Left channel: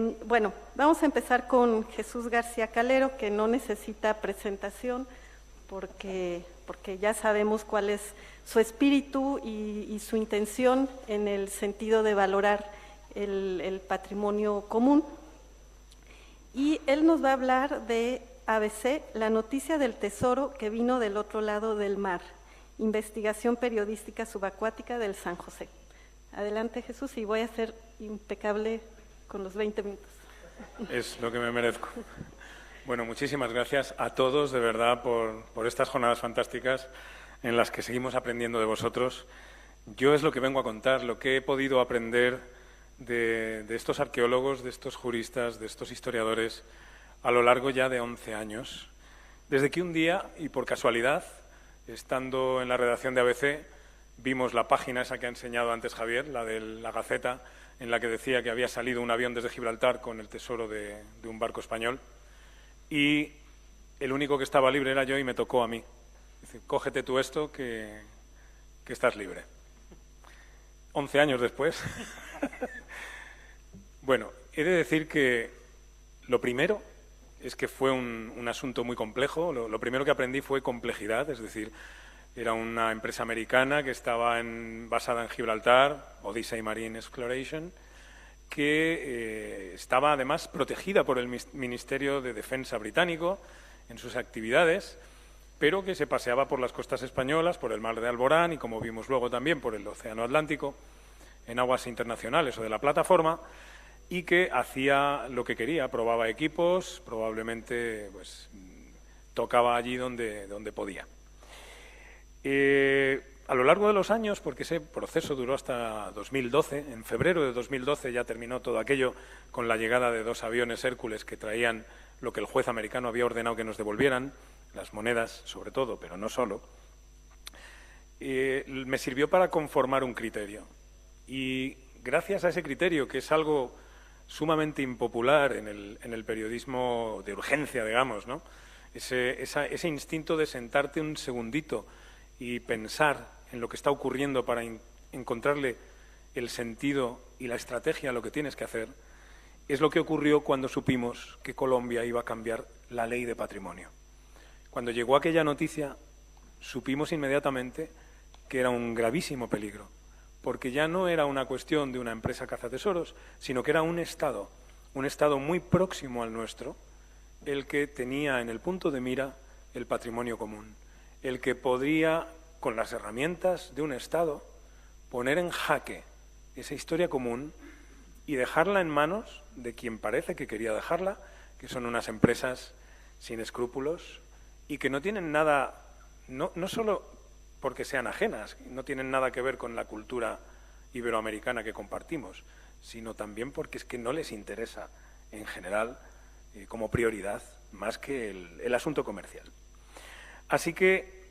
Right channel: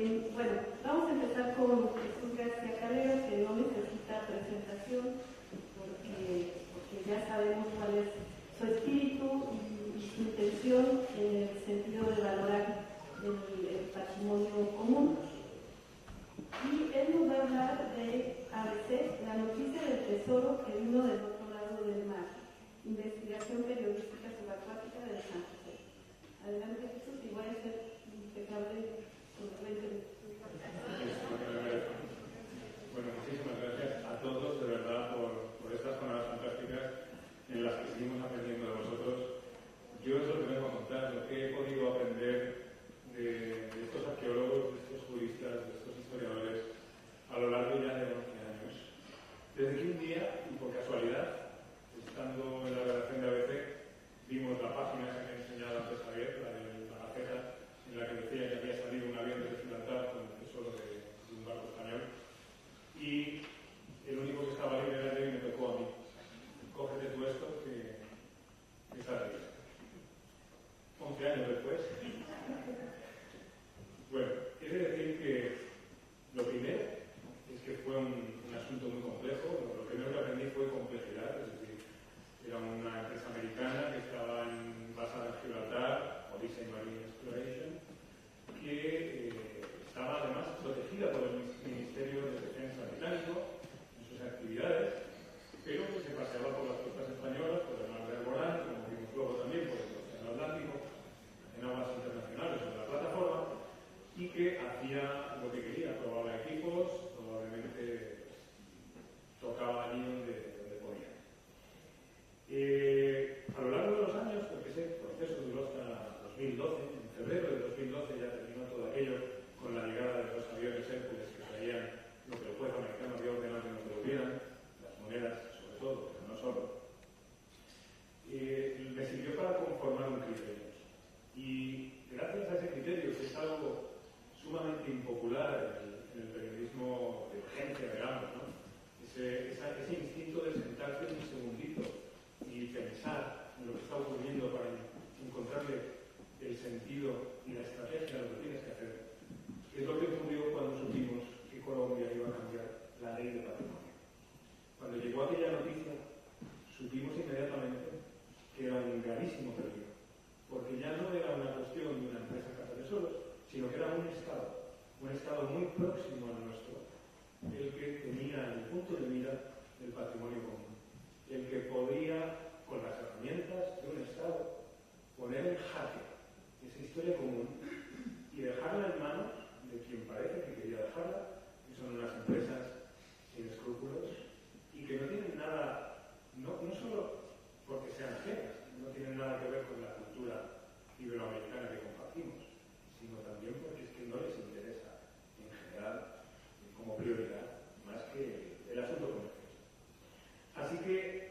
Bueno, vamos a empezar con Jesús García Calero, que no necesita presentación porque ya sabemos cuál es su espíritu y su intención en el sentido de valorar el patrimonio común. Y él nos va a hablar de ABC, la noticia del tesoro que vino del otro lado del mar, investigación periodística subacuática del San José. Adelante, Jesús, y voy a ser impecable con los 20 minutos. Es lo que me merezco. Bueno, muchísimas gracias a todos, de verdad, por estas jornadas fantásticas en las que seguimos aprendiendo de vosotros. Yo es lo que vengo a contar, lo que he podido aprender de estos arqueólogos, de estos juristas, de estos historiadores, a lo largo ya de 11 años. Desde que un día, y por casualidad, estando en la redacción de ABC, vimos la página esa que ha enseñado antes Javier, la de la Gaceta, en la que decía que había salido un avión desde Gibraltar con el tesoro de un barco español, y el único que estaba libre era yo y me tocó a mí. Dice, cógete tú esto que estás libre. 11 años después. Bueno, he de decir que lo primero es que fue un asunto muy complejo. Lo primero que aprendí fue complejidad, es decir, era una empresa americana que estaba basada en Gibraltar, Odyssey Marine Exploration, que estaba además protegida por el Ministerio de Defensa británico en sus actividades, pero que se paseaba por las costas españolas, por el mar de Alborán y, como vimos luego, también por el Océano Atlántico, en aguas internacionales o de la plataforma, y que hacía lo que quería, probaba equipos, probablemente pues, tocaba allí donde podía. A lo largo de los años, porque ese proceso duró hasta 2012, en febrero de 2012 ya terminó todo aquello con la llegada de 2 aviones Hércules que traían lo que el juez americano había ordenado que nos devolvieran, las monedas sobre todo, pero no solo, me sirvió para conformar un criterio. Y gracias a ese criterio, que es algo sumamente impopular en el periodismo de urgencia, digamos, ¿no? Ese instinto de sentarte un segundito y pensar en lo que está ocurriendo para encontrarle el sentido y la estrategia a lo que tienes que hacer, es lo que ocurrió cuando supimos que Colombia iba a cambiar la ley de patrimonio. Cuando llegó aquella noticia, supimos inmediatamente que era un gravísimo peligro, porque ya no era una cuestión de una empresa cazatesoros, sino que era un Estado muy próximo al nuestro, el que tenía en el punto de mira el patrimonio común, el que podría, con las herramientas de un Estado, poner en jaque esa historia común y dejarla en manos de quien parece que quería dejarla, que son unas empresas sin escrúpulos y que no tienen nada, no solo porque sean ajenas, no tienen nada que ver con la cultura iberoamericana que compartimos, sino también porque es que no les interesa, en general, como prioridad, más que el asunto comercial. Así que,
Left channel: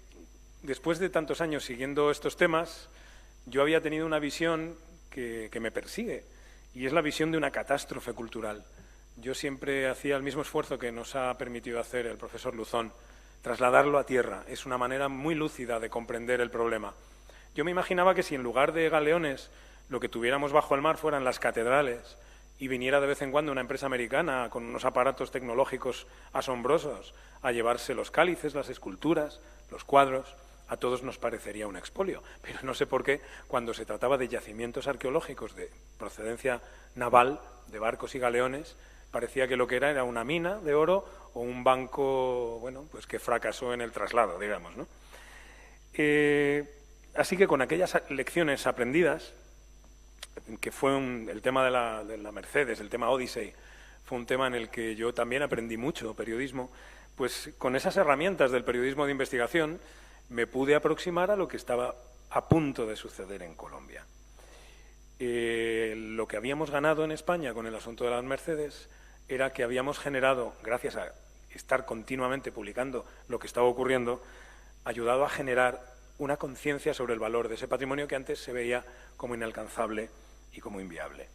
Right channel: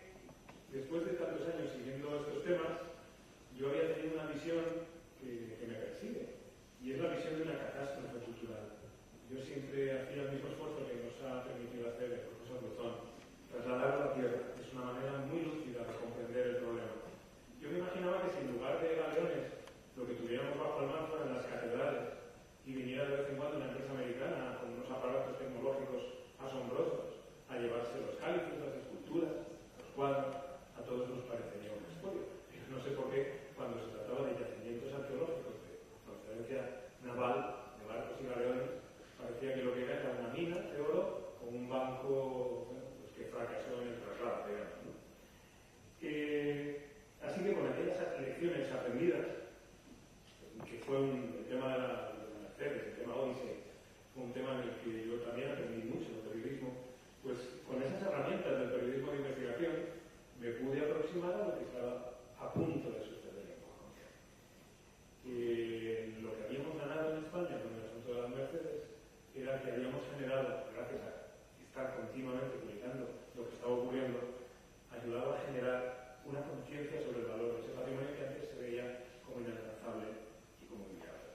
después de tantos años siguiendo estos temas, yo había tenido una visión que me persigue, y es la visión de una catástrofe cultural. Yo siempre hacía el mismo esfuerzo que nos ha permitido hacer el profesor Luzón, trasladarlo a tierra. Es una manera muy lúcida de comprender el problema. Yo me imaginaba que si en lugar de galeones lo que tuviéramos bajo el mar fueran las catedrales y viniera de vez en cuando una empresa americana con unos aparatos tecnológicos asombrosos a llevarse los cálices, las esculturas, los cuadros, a todos nos parecería un expolio. Pero no sé por qué, cuando se trataba de yacimientos arqueológicos de procedencia naval, de barcos y galeones, parecía que lo que era una mina de oro o un banco, bueno, pues que fracasó en el traslado, digamos, ¿no? Así que con aquellas lecciones aprendidas, que fue el tema de la Mercedes, el tema Odyssey, fue un tema en el que yo también aprendí mucho periodismo, pues con esas herramientas del periodismo de investigación me pude aproximar a lo que estaba a punto de suceder en Colombia. Lo que habíamos ganado en España con el asunto de las Mercedes era que habíamos generado, gracias a estar continuamente publicando lo que estaba ocurriendo, ayudado a generar una conciencia sobre el valor de ese patrimonio que antes se veía como inalcanzable y como inviable.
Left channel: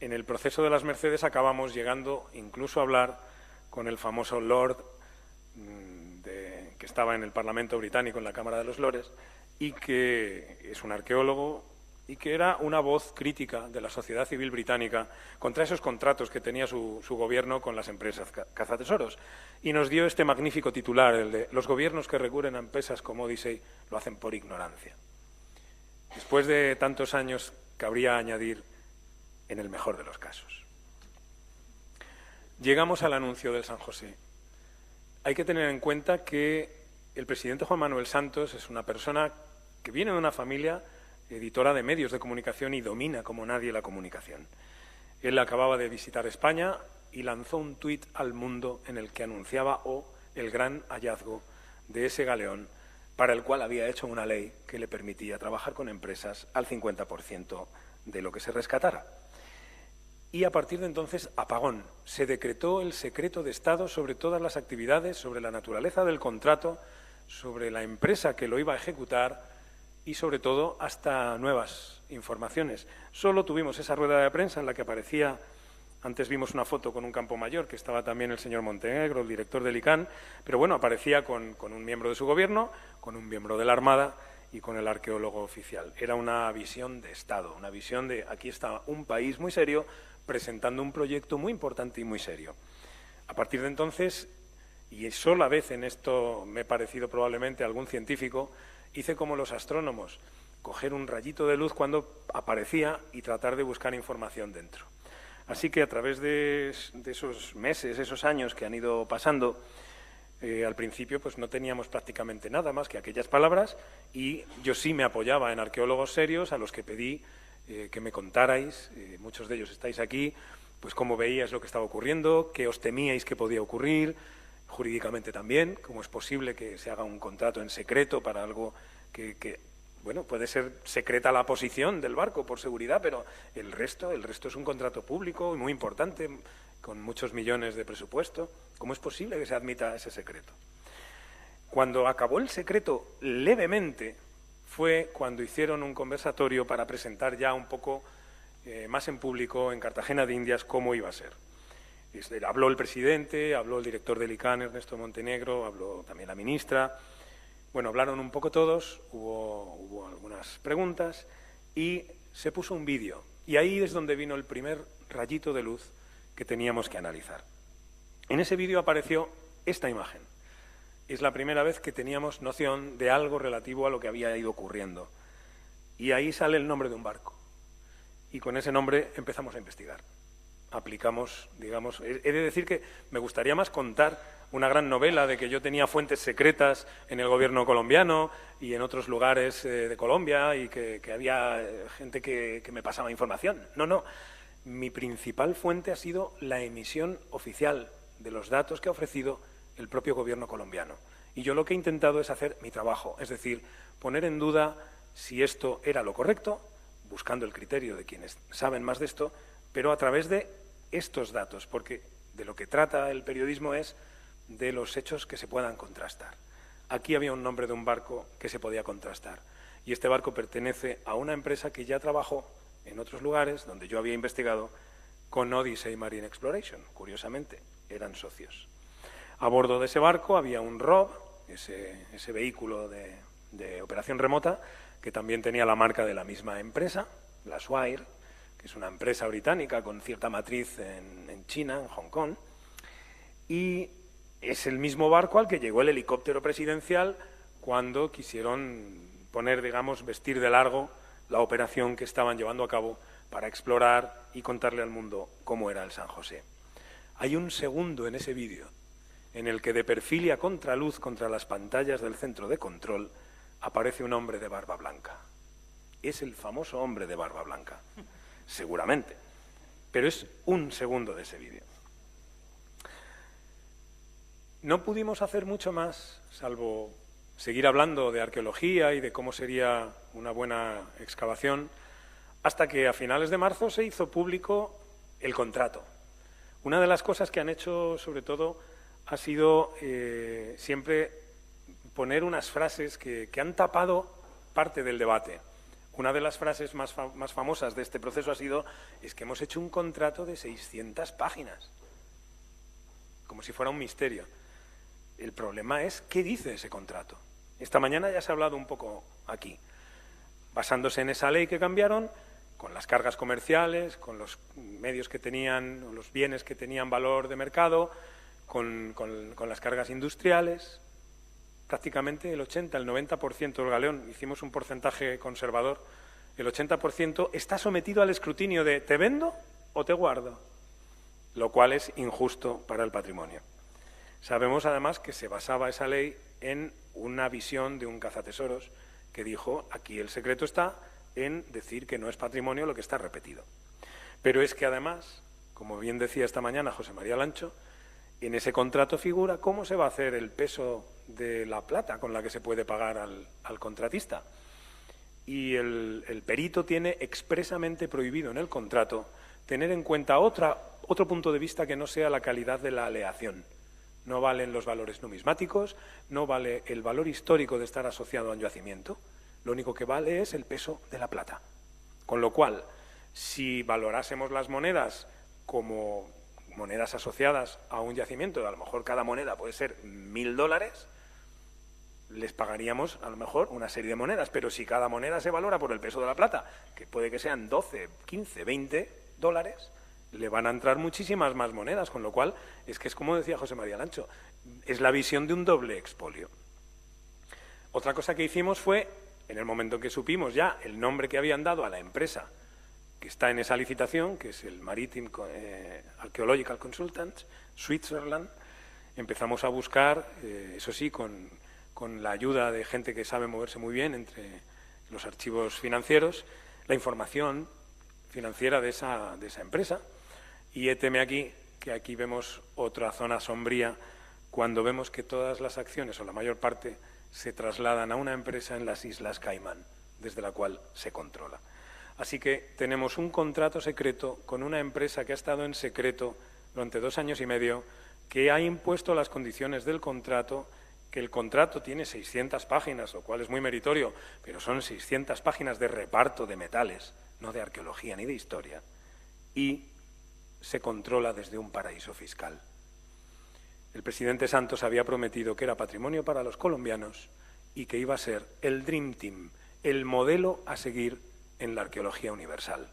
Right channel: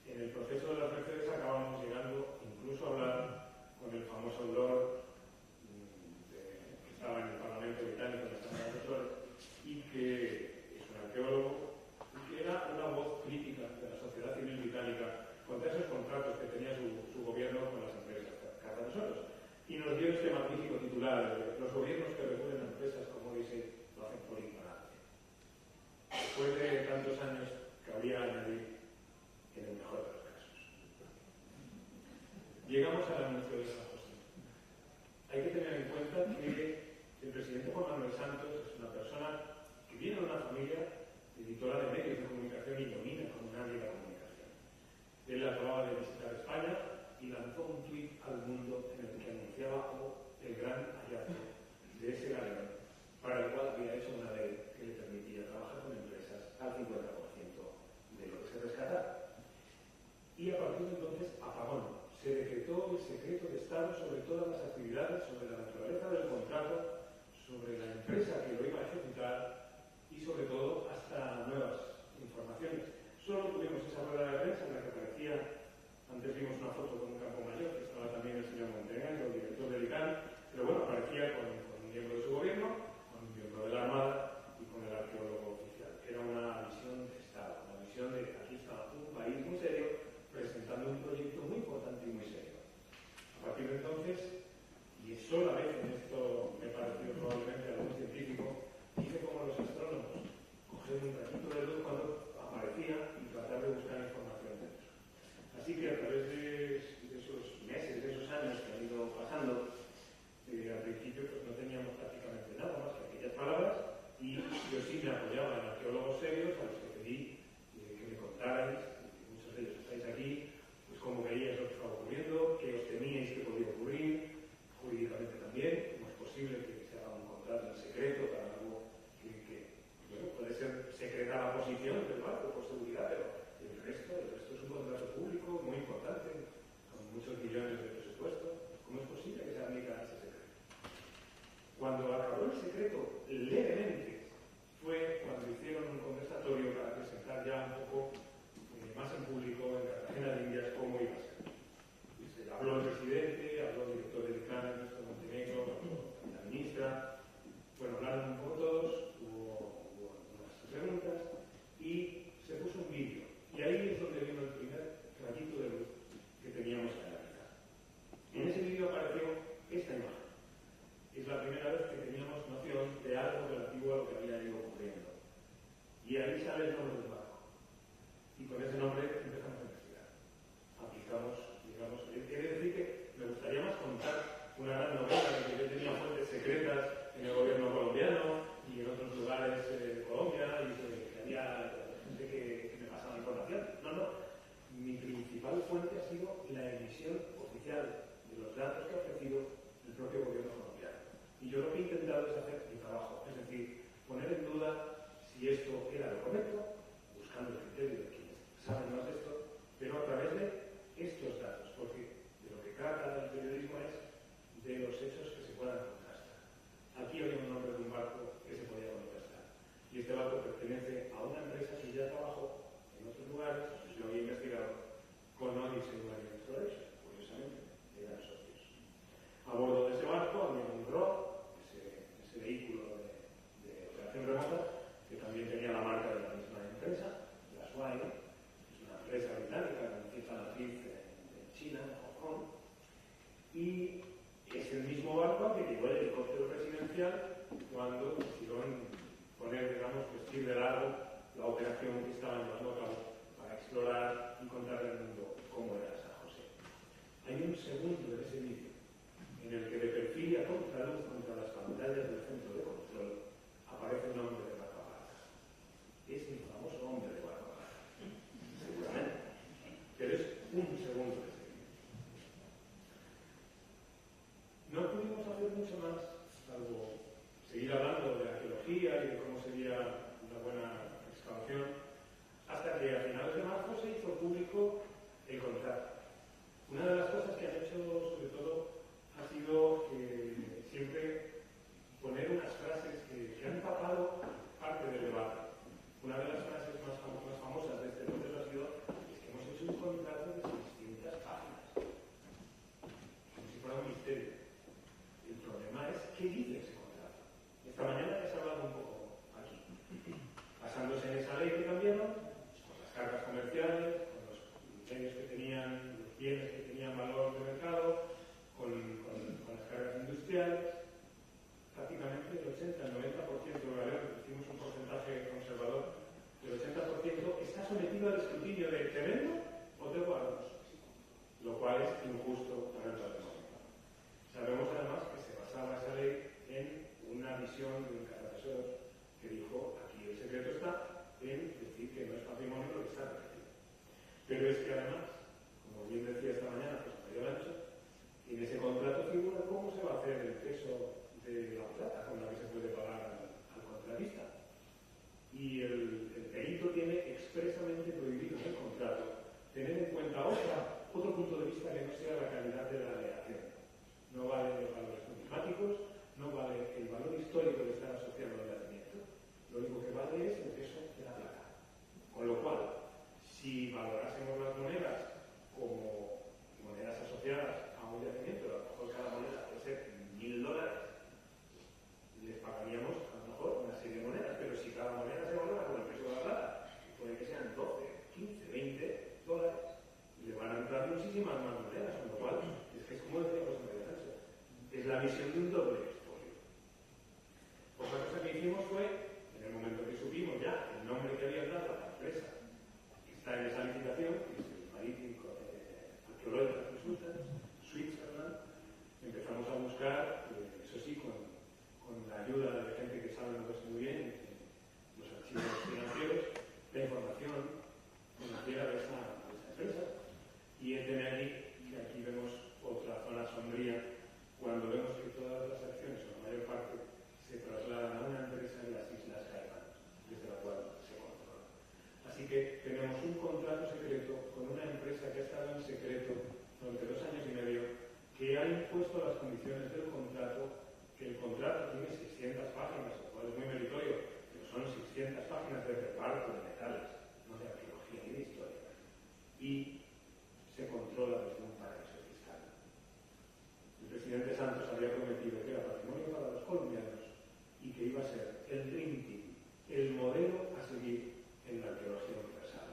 En el proceso de las Mercedes acabamos llegando incluso a hablar con el famoso Lord que estaba en el Parlamento británico, en la Cámara de los Lores, y que es un arqueólogo y que era una voz crítica de la sociedad civil británica contra esos contratos que tenía su gobierno con las empresas cazatesoros. Y nos dio este magnífico titular, el de «Los gobiernos que recurren a empresas como Odyssey lo hacen por ignorancia». Después de tantos años, cabría añadir «en el mejor de los casos». Llegamos al anuncio del San José. Hay que tener en cuenta que el presidente Juan Manuel Santos es una persona que viene de una familia editora de medios de comunicación y domina como nadie la comunicación. Él acababa de visitar España y lanzó un tuit al mundo en el que anunciaba el gran hallazgo de ese galeón para el cual había hecho una ley que le permitía trabajar con empresas al 50% de lo que se rescatara. Y a partir de entonces, apagón. Se decretó el secreto de Estado sobre todas las actividades, sobre la naturaleza del contrato, sobre la empresa que lo iba a ejecutar y, sobre todo, hasta nuevas informaciones. Solo tuvimos esa rueda de prensa en la que aparecía, antes vimos una foto con un campo mayor, que estaba también el señor Montenegro, el director del ICANN, pero bueno, aparecía con un miembro de su gobierno, con un miembro de la Armada y con el arqueólogo oficial. Era una visión de Estado, una visión de aquí está un país muy serio presentando un proyecto muy importante y muy serio. A partir de entonces, y sola vez en esto me he parecido probablemente a algún científico, hice como los astrónomos, coger un rayito de luz cuando aparecía y tratar de buscar información dentro. Así que a través de esos meses, esos años que han ido pasando, al principio pues no teníamos prácticamente nada más que aquellas palabras y yo sí me apoyaba en arqueólogos serios a los que pedí que me contarais, muchos de ellos estáis aquí, pues cómo veíais lo que estaba ocurriendo, qué os temíais que podía ocurrir, jurídicamente también, cómo es posible que se haga un contrato en secreto para algo que bueno, puede ser secreta la posición del barco por seguridad, pero el resto es un contrato público muy importante, con muchos millones de presupuesto. ¿Cómo es posible que se admita ese secreto? Cuando acabó el secreto levemente fue cuando hicieron un conversatorio para presentar ya un poco más en público en Cartagena de Indias cómo iba a ser. Habló el presidente, habló el director del ICANN, Ernesto Montenegro, habló también la ministra. Bueno, hablaron un poco todos, hubo algunas preguntas y se puso un vídeo. Y ahí es donde vino el primer rayito de luz que teníamos que analizar. En ese vídeo apareció esta imagen. Es la primera vez que teníamos noción de algo relativo a lo que había ido ocurriendo. Y ahí sale el nombre de un barco. Y con ese nombre empezamos a investigar. Aplicamos, digamos... He de decir que me gustaría más contar una gran novela de que yo tenía fuentes secretas en el gobierno colombiano y en otros lugares de Colombia y que había gente que me pasaba información. No. Mi principal fuente ha sido la emisión oficial de los datos que ha ofrecido el propio gobierno colombiano. Y yo lo que he intentado es hacer mi trabajo, es decir, poner en duda si esto era lo correcto, buscando el criterio de quienes saben más de esto, pero a través de estos datos, porque de lo que trata el periodismo es de los hechos que se puedan contrastar. Aquí había un nombre de un barco que se podía contrastar, y este barco pertenece a una empresa que ya trabajó en otros lugares, donde yo había investigado, con Odyssey Marine Exploration, curiosamente, eran socios. A bordo de ese barco había un ROV, ese vehículo de operación remota, que también tenía la marca de la misma empresa, la Swire, que es una empresa británica con cierta matriz en China, en Hong Kong, y es el mismo barco al que llegó el helicóptero presidencial cuando quisieron poner, digamos, vestir de largo la operación que estaban llevando a cabo para explorar y contarle al mundo cómo era el San José. Hay un segundo en ese vídeo en el que de perfil y a contraluz contra las pantallas del centro de control aparece un hombre de barba blanca. Es el famoso hombre de barba blanca, seguramente, pero es un segundo de ese vídeo. No pudimos hacer mucho más, salvo seguir hablando de arqueología y de cómo sería una buena excavación, hasta que a finales de marzo se hizo público el contrato. Una de las cosas que han hecho, sobre todo, ha sido siempre poner unas frases que han tapado parte del debate. Una de las frases más famosas de este proceso ha sido es que hemos hecho un contrato de 600 páginas, como si fuera un misterio. El problema es qué dice ese contrato. Esta mañana ya se ha hablado un poco aquí. Basándose en esa ley que cambiaron, con las cargas comerciales, con los medios que tenían, los bienes que tenían valor de mercado, con las cargas industriales, prácticamente el 80, el 90% del galeón, hicimos un porcentaje conservador, el 80% está sometido al escrutinio de ¿te vendo o te guardo? Lo cual es injusto para el patrimonio. Sabemos además que se basaba esa ley en una visión de un cazatesoros que dijo, aquí el secreto está en decir que no es patrimonio lo que está repetido. Pero es que además, como bien decía esta mañana José María Lancho, en ese contrato figura cómo se va a hacer el peso de la plata con la que se puede pagar al contratista. Y el perito tiene expresamente prohibido en el contrato tener en cuenta otro punto de vista que no sea la calidad de la aleación. No valen los valores numismáticos, no vale el valor histórico de estar asociado al yacimiento, lo único que vale es el peso de la plata. Con lo cual, si valorásemos las monedas como monedas asociadas a un yacimiento, a lo mejor cada moneda puede ser $1000, les pagaríamos a lo mejor una serie de monedas, pero si cada moneda se valora por el peso de la plata, que puede que sean 12, 15, $20, le van a entrar muchísimas más monedas, con lo cual es que es como decía José María Lancho, es la visión de un doble expolio. Otra cosa que hicimos fue, en el momento que supimos ya el nombre que habían dado a la empresa que está en esa licitación, que es el Maritime Archaeological Consultants, Switzerland, empezamos a buscar, eso sí, con la ayuda de gente que sabe moverse muy bien entre los archivos financieros, la información financiera de esa empresa. Y héteme aquí, que aquí vemos otra zona sombría, cuando vemos que todas las acciones, o la mayor parte, se trasladan a una empresa en las Islas Caimán, desde la cual se controla. Así que tenemos un contrato secreto con una empresa que ha estado en secreto durante 2 años y medio, que ha impuesto las condiciones del contrato, que el contrato tiene 600 páginas, lo cual es muy meritorio, pero son 600 páginas de reparto de metales, no de arqueología ni de historia, y se controla desde un paraíso fiscal. El presidente Santos había prometido que era patrimonio para los colombianos y que iba a ser el Dream Team, el modelo a seguir en la arqueología universal.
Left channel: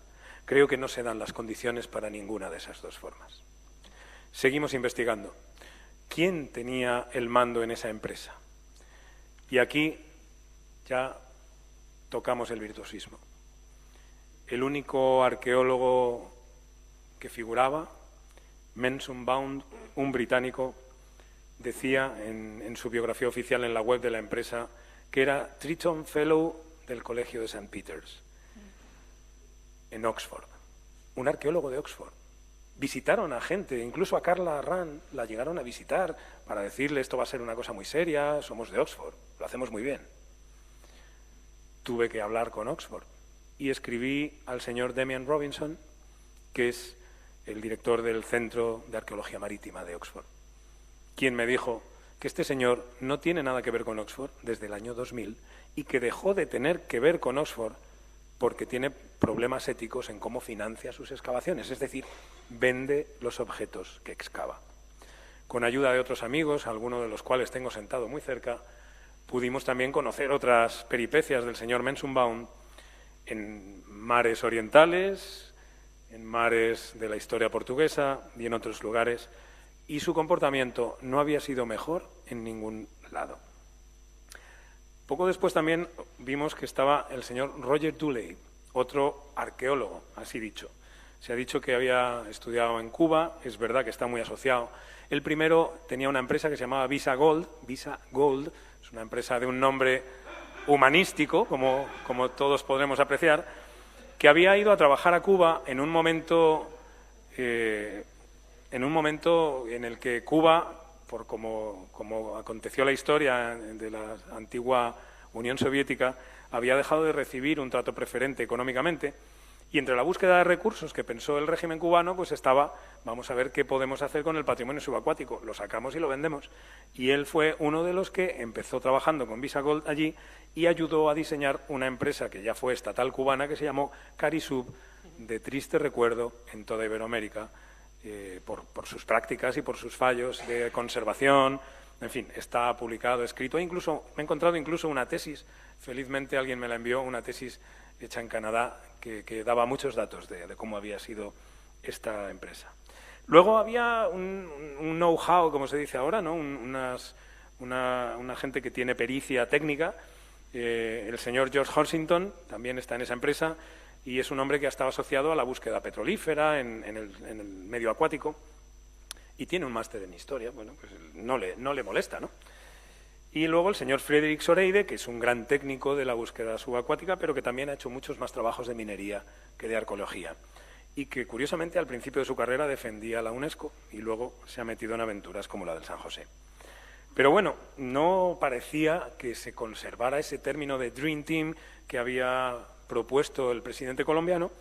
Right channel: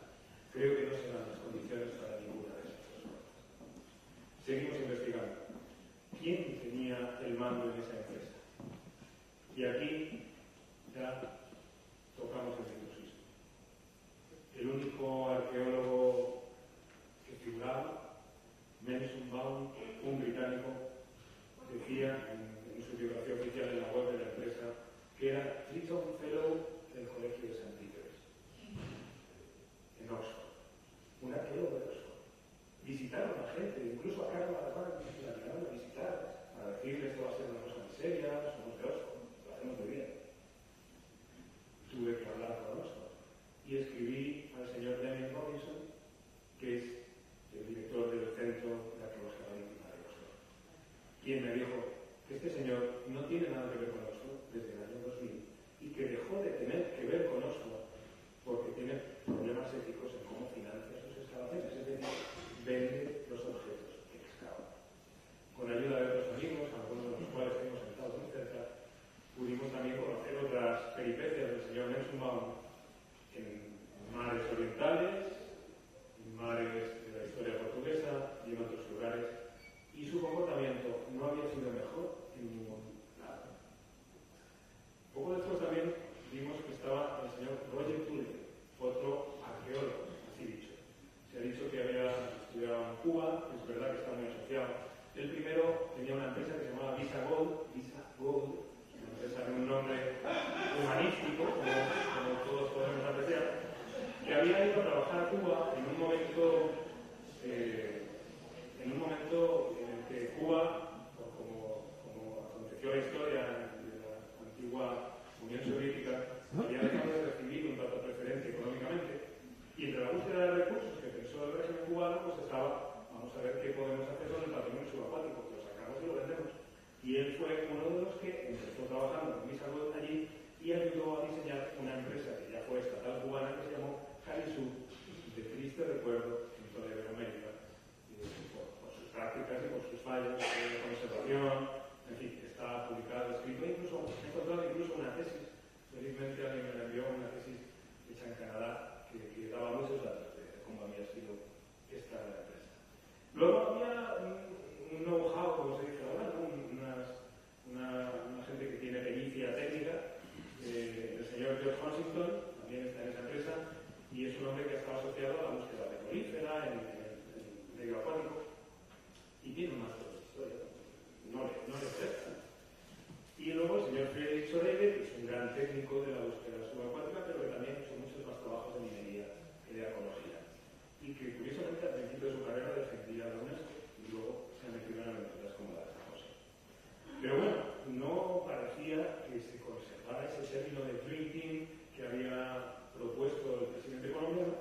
Creo que no se dan las condiciones para ninguna de esas dos formas. Seguimos investigando. ¿Quién tenía el mando en esa empresa? Y aquí ya tocamos el virtuosismo. El único arqueólogo que figuraba, Menzenbaum, un británico, decía en su biografía oficial en la web de la empresa que era Triton Fellow del Colegio de St. Peter's, en Oxford, un arqueólogo de Oxford. Visitaron a gente, incluso a Carla Arran la llegaron a visitar para decirle esto va a ser una cosa muy seria, somos de Oxford, lo hacemos muy bien. Tuve que hablar con Oxford y escribí al señor Damian Robinson, que es el director del Centro de Arqueología Marítima de Oxford, quien me dijo que este señor no tiene nada que ver con Oxford desde el año 2000 y que dejó de tener que ver con Oxford porque tiene problemas éticos en cómo financia sus excavaciones, es decir, vende los objetos que excava. Con ayuda de otros amigos, algunos de los cuales tengo sentado muy cerca, pudimos también conocer otras peripecias del señor Menzenbaum en mares orientales, en mares de la historia portuguesa y en otros lugares, y su comportamiento no había sido mejor en ningún lado. Poco después también vimos que estaba el señor Roger Dooley, otro arqueólogo, así dicho. Se ha dicho que había estudiado en Cuba, es verdad que está muy asociado. El primero tenía una empresa que se llamaba Visa Gold, es una empresa de un nombre humanístico, como todos podremos apreciar, que había ido a trabajar a Cuba en un momento en el que Cuba, por como aconteció la historia de la antigua Unión Soviética, había dejado de recibir un trato preferente económicamente, y entre la búsqueda de recursos que pensó el régimen cubano, pues estaba, vamos a ver qué podemos hacer con el patrimonio subacuático, lo sacamos y lo vendemos. Y él fue uno de los que empezó trabajando con Visa Gold allí y ayudó a diseñar una empresa que ya fue estatal cubana, que se llamó Carisub, de triste recuerdo en toda Iberoamérica, por sus prácticas y por sus fallos de conservación. En fin, está publicado, escrito, he encontrado incluso una tesis felizmente alguien me la envió, una tesis hecha en Canadá que daba muchos datos de cómo había sido esta empresa. Luego había un know-how, como se dice ahora, ¿no? Una gente que tiene pericia técnica. El señor George Horsington también está en esa empresa y es un hombre que ha estado asociado a la búsqueda petrolífera en el medio acuático y tiene un máster en historia. Bueno, pues no le molesta, ¿no? Y luego el señor Frederick Soreide, que es un gran técnico de la búsqueda subacuática, pero que también ha hecho muchos más trabajos de minería que de arqueología. Y que, curiosamente, al principio de su carrera defendía la UNESCO y luego se ha metido en aventuras como la del San José. Pero bueno, no parecía que se conservara ese término de Dream Team que había propuesto el presidente colombiano,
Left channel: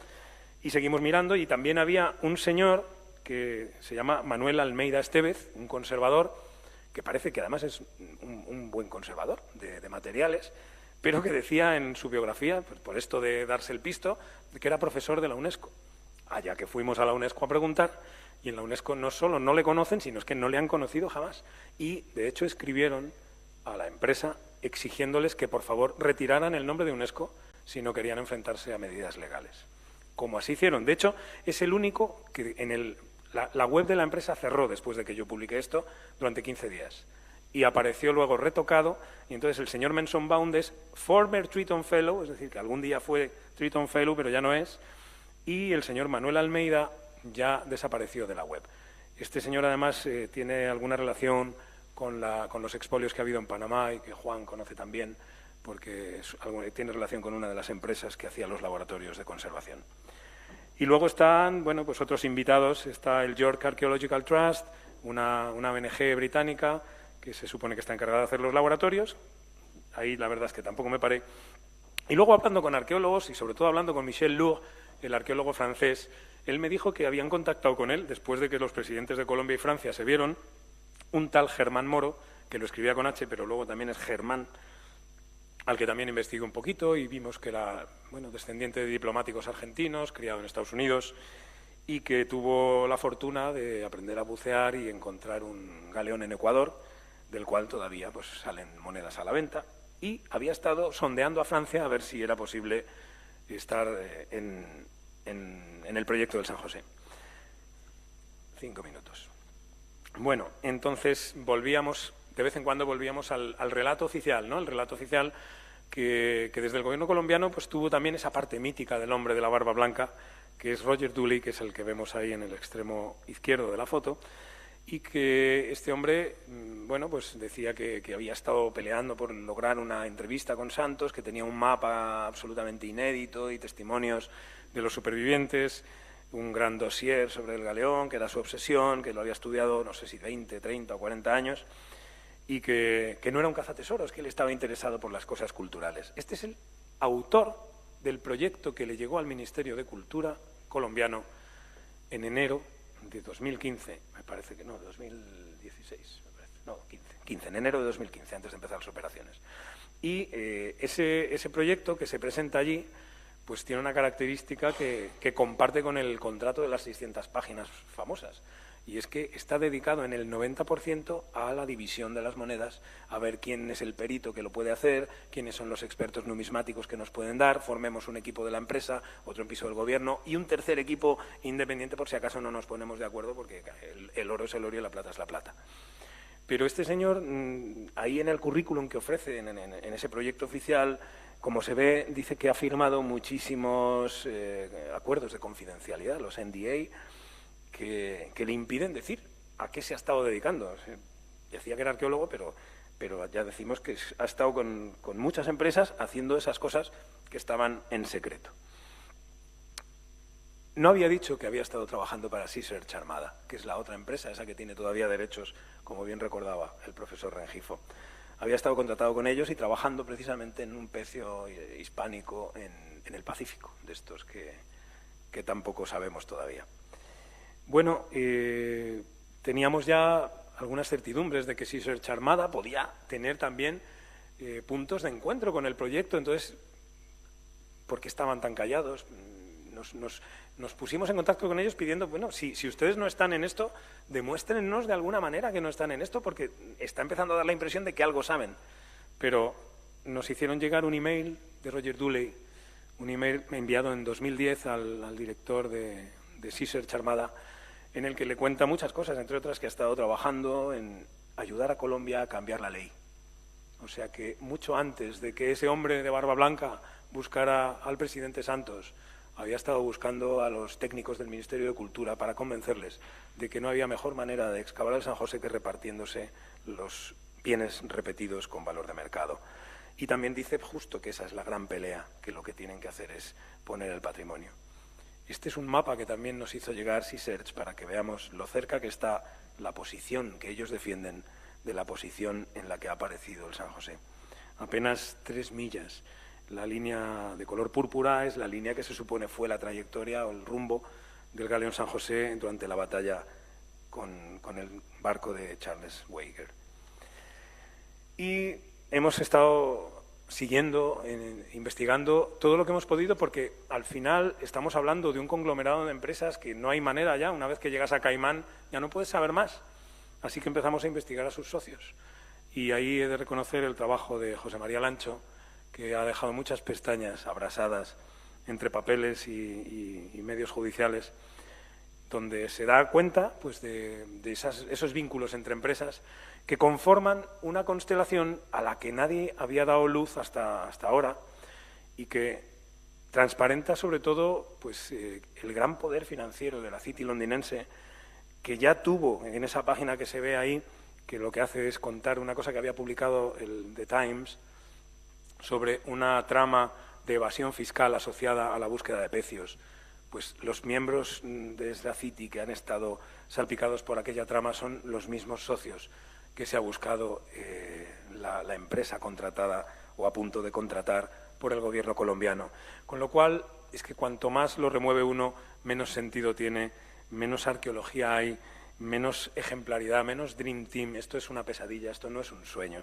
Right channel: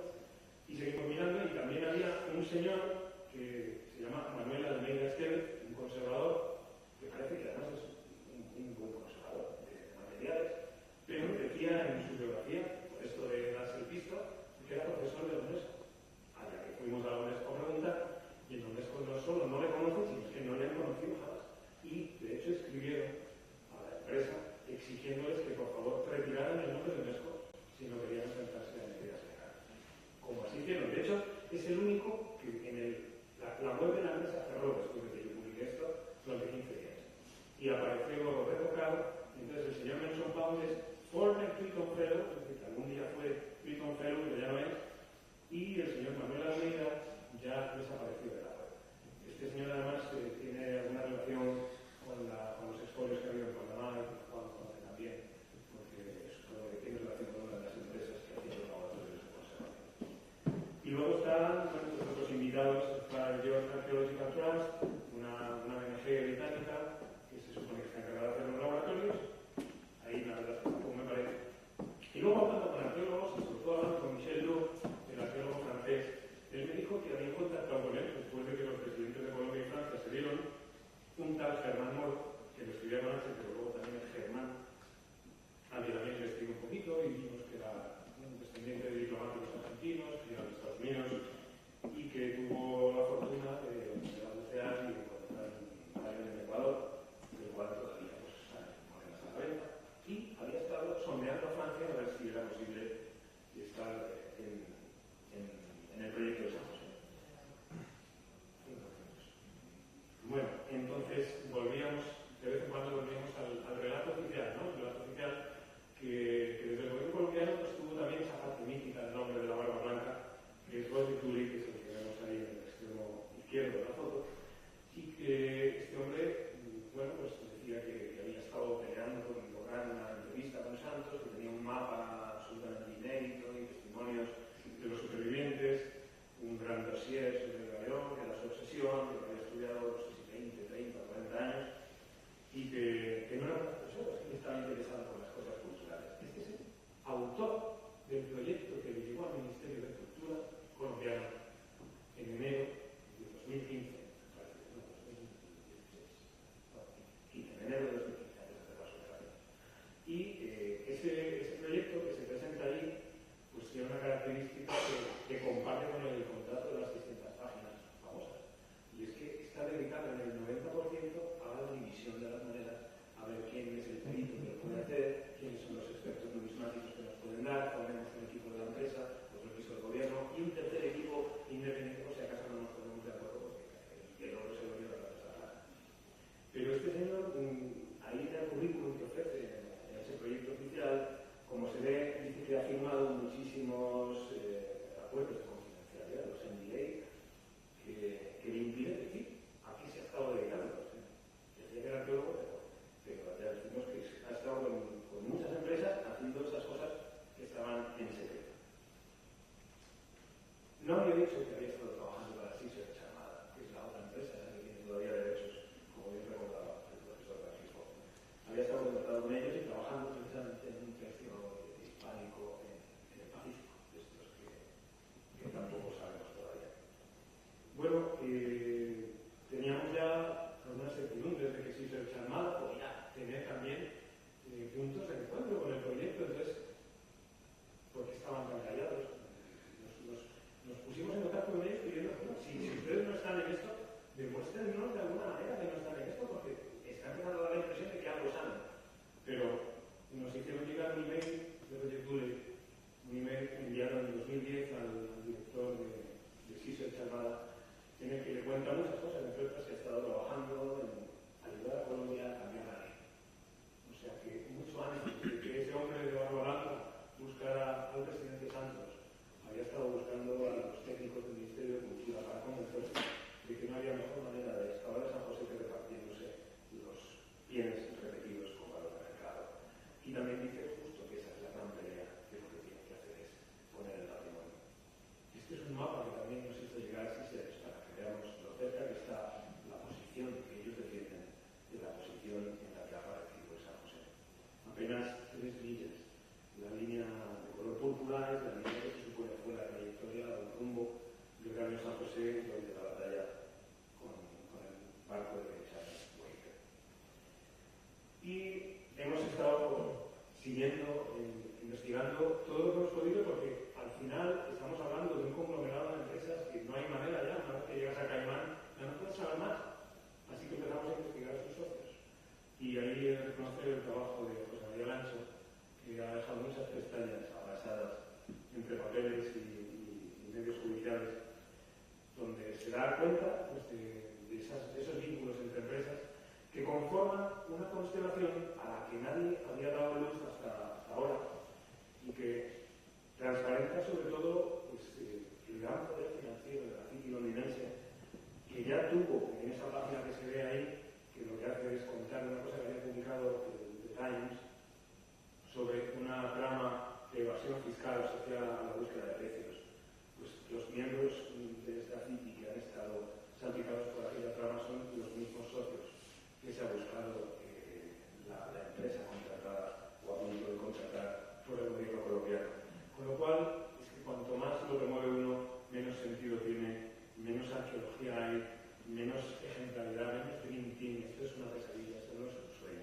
y seguimos mirando, y también había un señor que se llama Manuel Almeida Estevez, un conservador, que parece que además es un buen conservador de materiales, pero que decía en su biografía, pues por esto de darse el pisto, que era profesor de la UNESCO. Allá que fuimos a la UNESCO a preguntar, y en la UNESCO no solo no le conocen, sino es que no le han conocido jamás. Y, de hecho, escribieron a la empresa exigiéndoles que, por favor, retiraran el nombre de UNESCO si no querían enfrentarse a medidas legales. Como así hicieron. De hecho, es el único que la web de la empresa cerró después de que yo publiqué esto durante 15 días. Y apareció luego retocado, y entonces el señor Menson Bound es former Triton Fellow, es decir, que algún día fue Triton Fellow, pero ya no es, y el señor Manuel Almeida ya desapareció de la web. Este señor además tiene alguna relación con los expolios que ha habido en Panamá y que Juan conoce también, porque tiene relación con una de las empresas que hacía los laboratorios de conservación. Y luego están, bueno, pues otros invitados, está el York Archaeological Trust, una ONG británica que se supone que está encargada de hacer los laboratorios. Ahí la verdad es que tampoco me paré. Y luego hablando con arqueólogos, y sobre todo hablando con Michel Lourdes, el arqueólogo francés, él me dijo que habían contactado con él, después de que los presidentes de Colombia y Francia se vieron, un tal Germán Moro, que lo escribía con H, pero luego también es Germán, al que también investigué un poquito y vimos que era, bueno, descendiente de diplomáticos argentinos, criado en Estados Unidos, y que tuvo la fortuna de aprender a bucear y encontrar un galeón en Ecuador, del cual todavía pues, salen monedas a la venta, y había estado sondeando a Francia a ver si era posible estar en el proyecto del San José. 5 minutos. Bueno, entonces de vez en cuando volvíamos al relato oficial, ¿no? El relato oficial que desde el gobierno colombiano pues, tuvo también esa parte mítica del hombre de la barba blanca, que es Roger Dooley, que es el que vemos ahí en el extremo izquierdo de la foto, y que este hombre, bueno, pues decía que había estado peleando por lograr una entrevista con Santos, que tenía un mapa absolutamente inédito y testimonios de los supervivientes, un gran dossier sobre el galeón, que era su obsesión, que lo había estudiado, no sé si 20, 30 o 40 años, y que no era un cazatesoros, que él estaba interesado por las cosas culturales. Este es el autor del proyecto que le llegó al Ministerio de Cultura colombiano en enero de 2015, me parece que no, 2016, no, 15, en enero de 2015, antes de empezar las operaciones. Y ese proyecto que se presenta allí, pues tiene una característica que comparte con el contrato de las 600 páginas famosas, y es que está dedicado en el 90% a la división de las monedas, a ver quién es el perito que lo puede hacer, quiénes son los expertos numismáticos que nos pueden dar, formemos un equipo de la empresa, otro en piso del gobierno y un tercer equipo independiente por si acaso no nos ponemos de acuerdo, porque el oro es el oro y la plata es la plata. Pero este señor, ahí en el currículum que ofrece, en ese proyecto oficial, como se ve, dice que ha firmado muchísimos acuerdos de confidencialidad, los NDA, que le impiden decir a qué se ha estado dedicando. Decía que era arqueólogo, pero ya decimos que ha estado con muchas empresas haciendo esas cosas que estaban en secreto. No había dicho que había estado trabajando para Research Armada, que es la otra empresa, esa que tiene todavía derechos, como bien recordaba el profesor Rengifo. Había estado contratado con ellos y trabajando precisamente en un pecio hispánico en el Pacífico, de estos que tampoco sabemos todavía. Bueno, teníamos ya algunas certidumbres de que Research Armada podía tener también puntos de encuentro con el proyecto, entonces, ¿por qué estaban tan callados? Nos pusimos en contacto con ellos pidiendo, bueno, si ustedes no están en esto, demuéstrennos de alguna manera que no están en esto, porque está empezando a dar la impresión de que algo saben. Pero nos hicieron llegar un email de Roger Dooley, un email enviado en 2010 al director de Research Armada, en el que le cuenta muchas cosas, entre otras que ha estado trabajando en ayudar a Colombia a cambiar la ley. O sea que mucho antes de que ese hombre de barba blanca buscara al presidente Santos, había estado buscando a los técnicos del Ministerio de Cultura para convencerles de que no había mejor manera de excavar el San José que repartiéndose los bienes repetidos con valor de mercado. Y también dice justo que esa es la gran pelea, que lo que tienen que hacer es poner el patrimonio. Este es un mapa que también nos hizo llegar Search para que veamos lo cerca que está la posición que ellos defienden de la posición en la que ha aparecido el San José. Apenas 3 millas. La línea de color púrpura es la línea que se supone fue la trayectoria o el rumbo del galeón San José durante la batalla con el barco de Charles Weiger. Y hemos estado siguiendo, investigando todo lo que hemos podido, porque al final estamos hablando de un conglomerado de empresas que no hay manera ya, una vez que llegas a Caimán ya no puedes saber más. Así que empezamos a investigar a sus socios. Y ahí he de reconocer el trabajo de José María Lancho, que ha dejado muchas pestañas abrasadas entre papeles y medios judiciales, donde se da cuenta pues, de esos vínculos entre empresas que conforman una constelación a la que nadie había dado luz hasta ahora y que transparenta sobre todo pues, el gran poder financiero de la City londinense, que ya tuvo en esa página que se ve ahí, que lo que hace es contar una cosa que había publicado el The Times sobre una trama de evasión fiscal asociada a la búsqueda de precios. Pues los miembros de esta City que han estado salpicados por aquella trama son los mismos socios que se ha buscado la empresa contratada o a punto de contratar por el gobierno colombiano. Con lo cual, es que cuanto más lo remueve uno, menos sentido tiene, menos arqueología hay, menos ejemplaridad, menos Dream Team. Esto es una pesadilla, esto no es un sueño.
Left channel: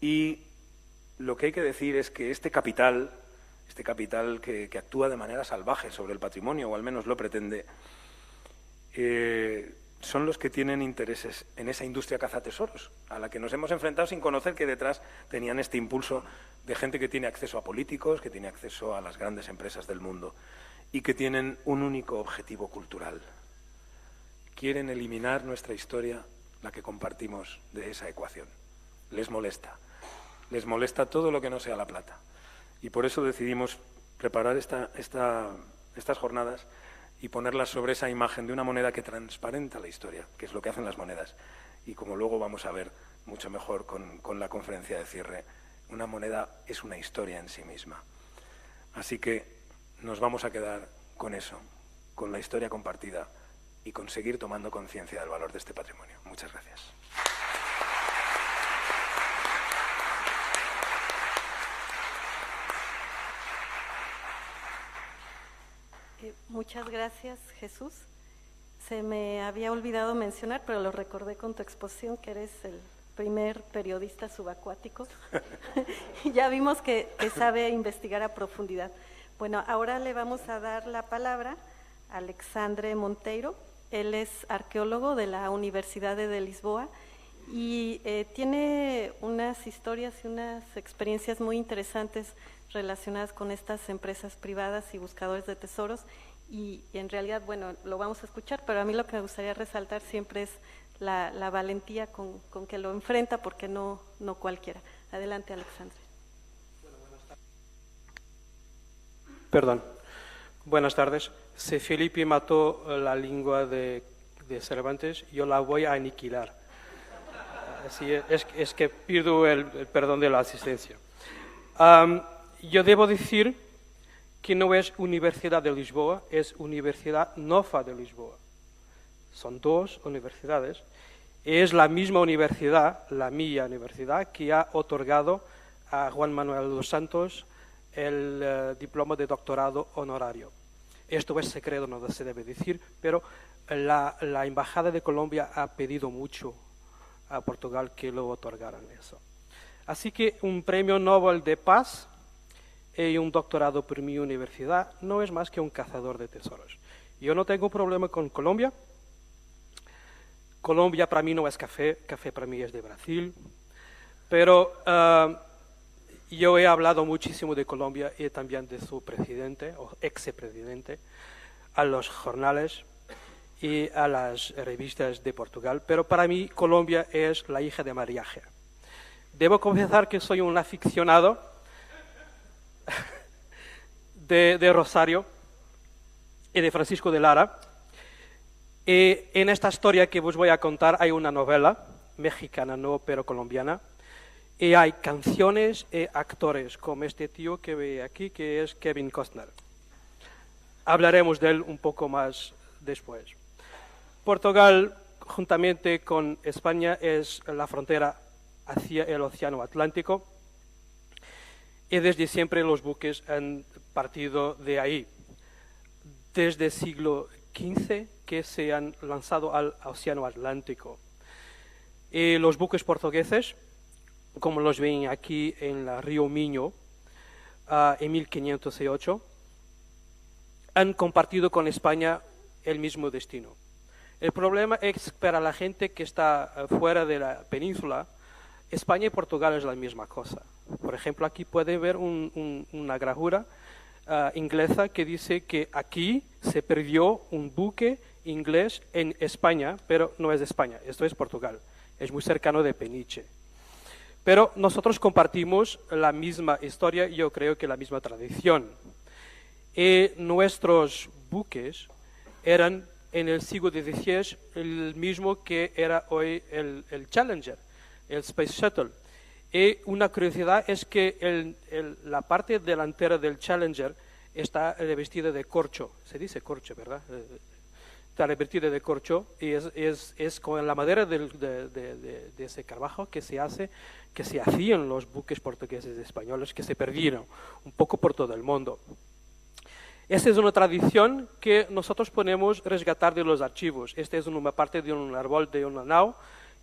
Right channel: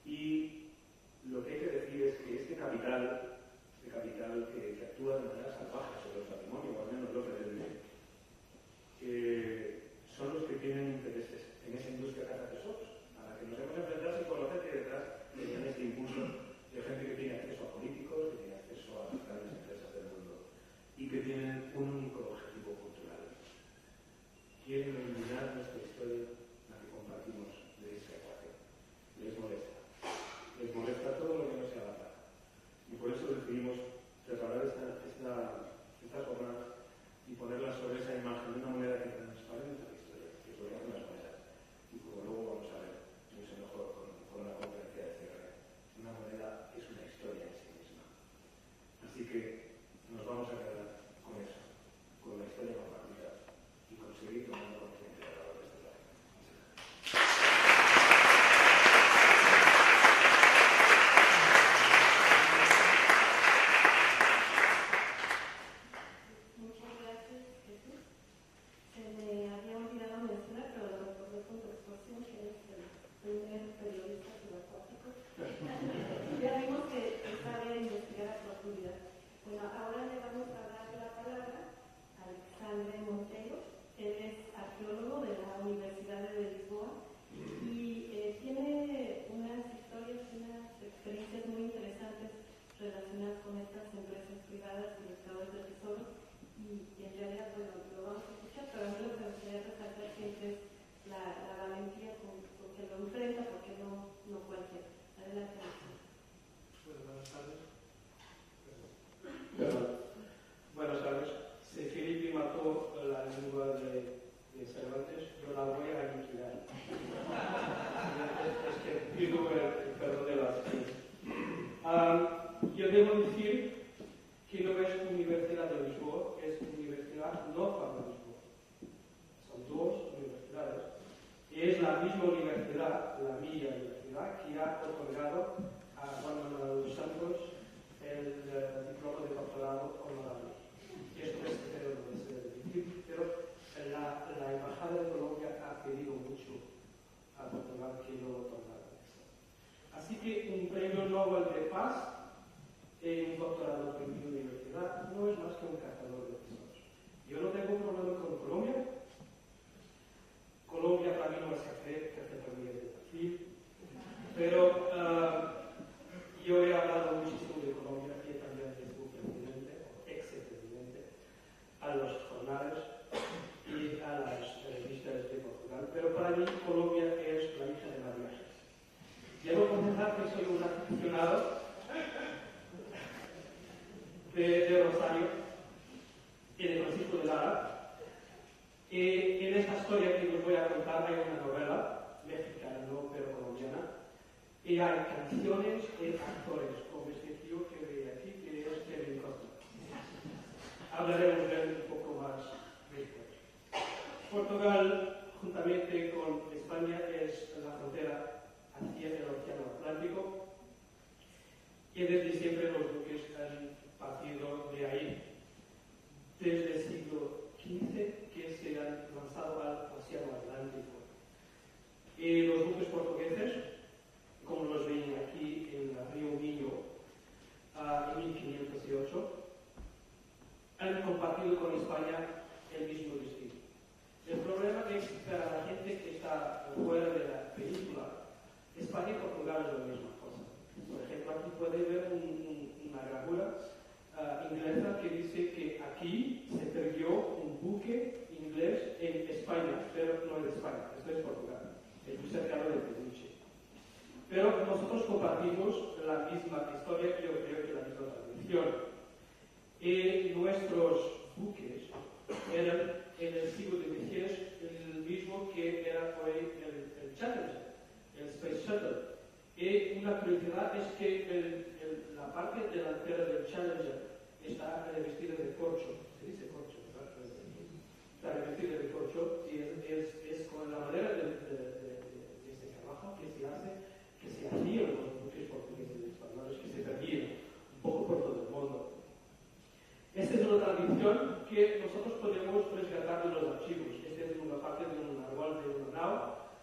Y lo que hay que decir es que este capital que actúa de manera salvaje sobre el patrimonio, o al menos lo pretende, son los que tienen intereses en esa industria cazatesoros, a la que nos hemos enfrentado sin conocer que detrás tenían este impulso de gente que tiene acceso a políticos, que tiene acceso a las grandes empresas del mundo y que tienen un único objetivo cultural. Quieren eliminar nuestra historia, la que compartimos, de esa ecuación. Les molesta. Les molesta todo lo que no sea la plata. Y por eso decidimos preparar estas jornadas y ponerlas sobre esa imagen de una moneda que transparenta la historia, que es lo que hacen las monedas. Y como luego vamos a ver mucho mejor con la conferencia de cierre, una moneda es una historia en sí misma. Así que nos vamos a quedar con eso, con la historia compartida y con seguir tomando conciencia del valor de este patrimonio. Muchas gracias. Muchas gracias, Jesús. Se me había olvidado mencionar, pero lo recordé con tu exposición, que eres el primer periodista subacuático. Ya vimos que sabe investigar a profundidad. Bueno, ahora le vamos a dar la palabra a Alexandre Monteiro. Él es arqueólogo de la Universidad de Lisboa y tiene unas historias y unas experiencias muy interesantes relacionadas con estas empresas privadas y buscadores de tesoros. Y en realidad, bueno, lo vamos a escuchar, pero a mí lo que me gustaría resaltar siempre es la valentía con que lo enfrenta, porque no cualquiera. Adelante, Alexandre. Perdón. Buenas tardes. Si Felipe mató la lengua de Cervantes, yo la voy a aniquilar. Así es que pido el perdón de la asistencia. Yo debo decir que no es Universidad de Lisboa, es Universidad Nova de Lisboa. Son dos universidades. Es la misma universidad, la mía universidad, que ha otorgado a Juan Manuel dos Santos el diploma de doctorado honorario. Esto es secreto, no se debe decir, pero la Embajada de Colombia ha pedido mucho a Portugal que lo otorgaran eso. Así que un premio Nobel de Paz y un doctorado por mi universidad no es más que un cazador de tesoros. Yo no tengo problema con Colombia. Colombia para mí no es café, café para mí es de Brasil. Pero Yo he hablado muchísimo de Colombia y también de su presidente, o ex-presidente, a los jornales y a las revistas de Portugal, pero para mí Colombia es la hija de Mariaje. Debo confesar que soy un aficionado de Rosario y de Francisco de Lara. Y en esta historia que os voy a contar hay una novela mexicana, no, pero colombiana, y hay canciones y actores, como este tío que ve aquí, que es Kevin Costner. Hablaremos de él un poco más después. Portugal, juntamente con España, es la frontera hacia el Océano Atlántico y desde siempre los buques han partido de ahí. Desde el siglo XV que se han lanzado al Océano Atlántico. Y los buques portugueses, como los ven aquí en el río Miño, en 1508, han compartido con España el mismo destino. El problema es para la gente que está fuera de la península, España y Portugal es la misma cosa. Por ejemplo, aquí pueden ver una gravura inglesa que dice que aquí se perdió un buque inglés en España, pero no es de España, esto es Portugal, es muy cercano de Peniche. Pero nosotros compartimos la misma historia y yo creo que la misma tradición. Y nuestros buques eran en el siglo XVI el mismo que era hoy el Challenger, el Space Shuttle. Y una curiosidad es que la parte delantera del Challenger está revestida de corcho, se dice corcho, ¿verdad? Está revestida de corcho y es con la madera de ese carbajo que se hacían los buques portugueses y españoles que se perdieron un poco por todo el mundo. Esta es una tradición que nosotros podemos rescatar de los archivos. Esta es una parte de un árbol de una nao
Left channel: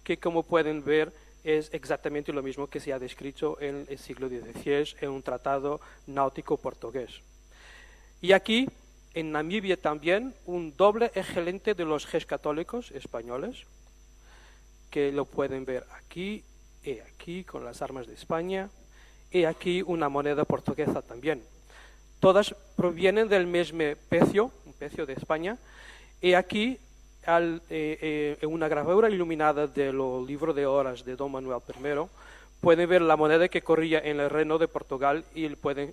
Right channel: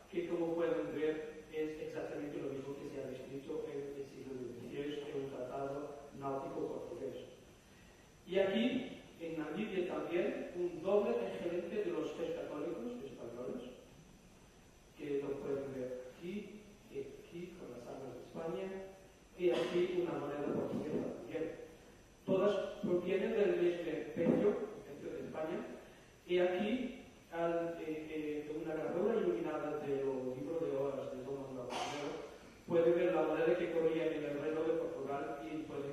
que, como pueden ver, es exactamente lo mismo que se ha descrito en el siglo XVI en un tratado náutico portugués. Y aquí, en Namibia también, un doble excelente de los Ges católicos españoles, que lo pueden ver aquí y aquí con las armas de España, y aquí una moneda portuguesa también. Todas provienen del mismo pecio de España, y aquí en una gravura iluminada del libro de horas de Don Manuel I, pueden ver la moneda que corría en el Reino de Portugal y pueden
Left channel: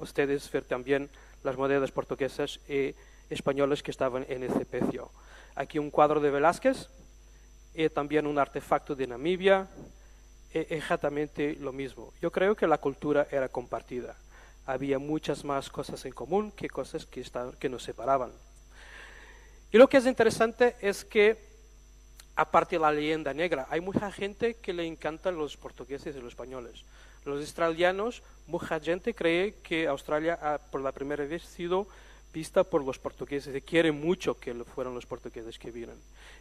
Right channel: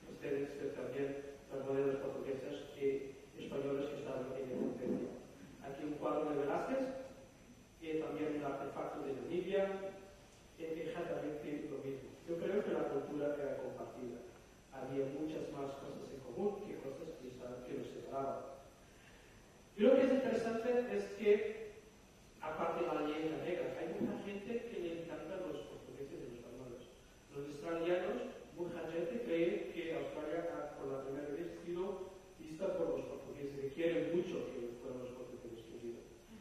ustedes ver también las monedas portuguesas y españolas que estaban en ese pecio. Aquí un cuadro de Velázquez y también un artefacto de Namibia, exactamente lo mismo. Yo creo que la cultura era compartida. Había muchas más cosas en común que cosas que nos separaban. Y lo que es interesante es que, aparte de la leyenda negra, hay mucha gente que le encantan los portugueses y los españoles. Los australianos, mucha gente cree que Australia ha por la primera vez sido vista por los portugueses y quiere mucho que fueran los portugueses que vinieran.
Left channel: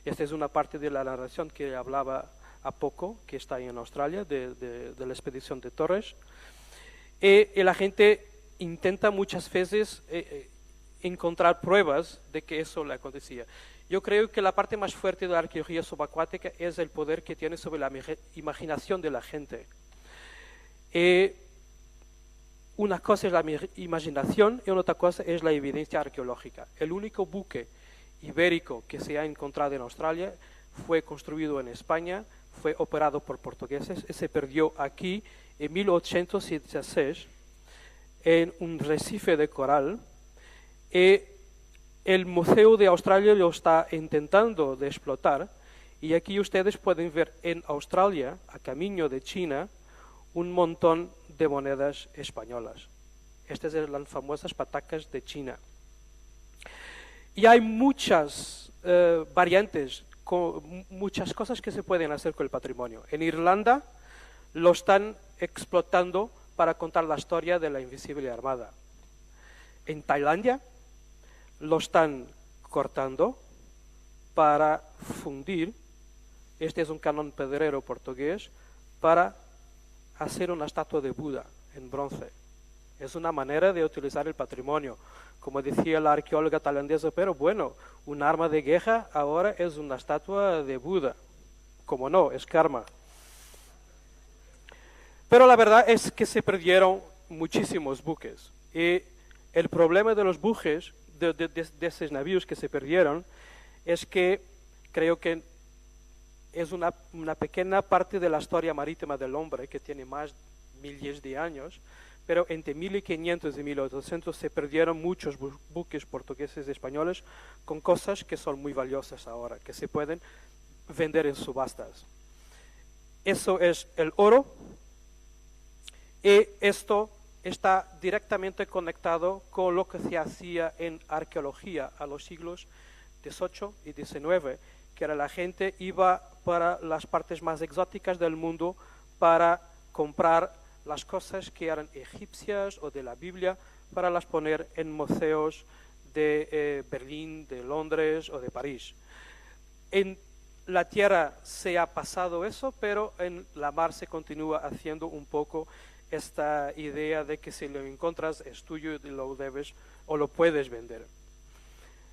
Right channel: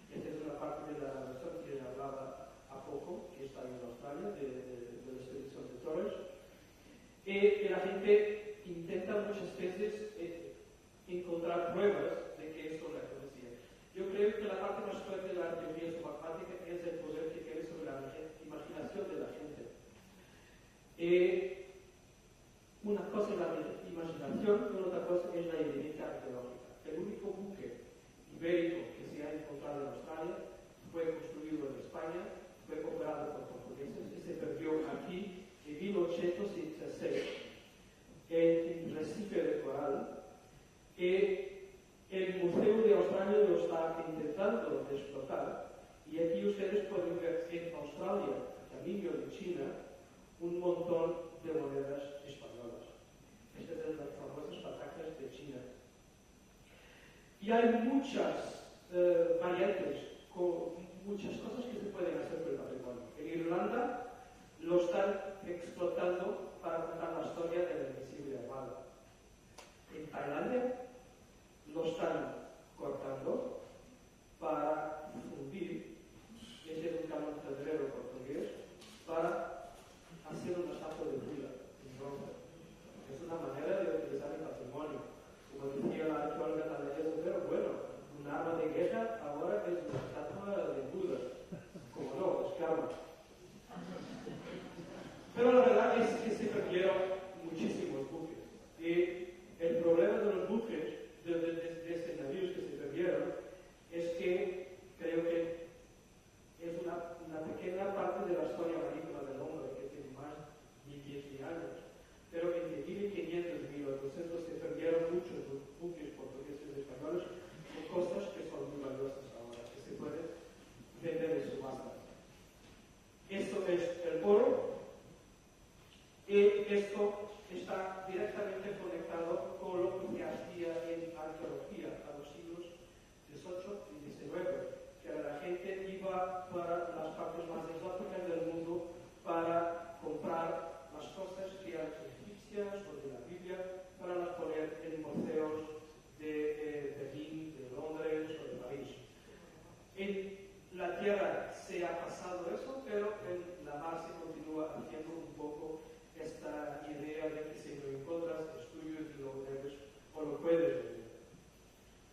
Esta es una parte de la narración que hablaba a poco, que está ahí en Australia, de la expedición de Torres. Y la gente intenta muchas veces encontrar pruebas de que eso le acontecía. Yo creo que la parte más fuerte de la arqueología subacuática es el poder que tiene sobre la imaginación de la gente. Una cosa es la imaginación y otra cosa es la evidencia arqueológica. El único buque ibérico que se ha encontrado en Australia fue construido en España, fue operado por portugueses y se perdió aquí en 1876 en un recife de coral. El Museo de Australia lo está intentando de explotar y aquí ustedes pueden ver en Australia, a camino de China, un montón de monedas españolas. Estas son las famosas patacas de China. Y hay muchas variantes, muchas cosas que se pueden hacer con el patrimonio. En Irlanda lo están explotando para contar la historia de la Invisible Armada. En Tailandia lo están cortando para fundir, este es un canon pedrero portugués, para hacer una estatua de Buda en bronce. Es una manera de utilizar el patrimonio. Como decía la arqueóloga tailandesa, pero bueno, un arma de guerra ahora es una estatua de Buda. Como no, es karma. Pero la verdad es que se perdieron muchísimos buques. Y el problema de los buques, de esos navíos que se perdieron, es que creo que es una pequeña parte de la historia marítima del hombre, que tiene más de miles de años, pero entre 1500 y 1800 se perdieron muchos buques portugueses y españoles con cosas que son muy valiosas ahora, que se pueden vender en subastas. Eso es el oro, y esto está directamente conectado con lo que se hacía en arqueología a los siglos XVIII y XIX, que era la gente iba para las partes más exóticas del mundo para comprar las cosas que eran egipcias o de la Biblia para las poner en museos de Berlín, de Londres o de París. En la tierra se ha pasado eso, pero en la mar se continúa haciendo un poco esta idea de que si lo encuentras es tuyo y lo debes o lo puedes vender.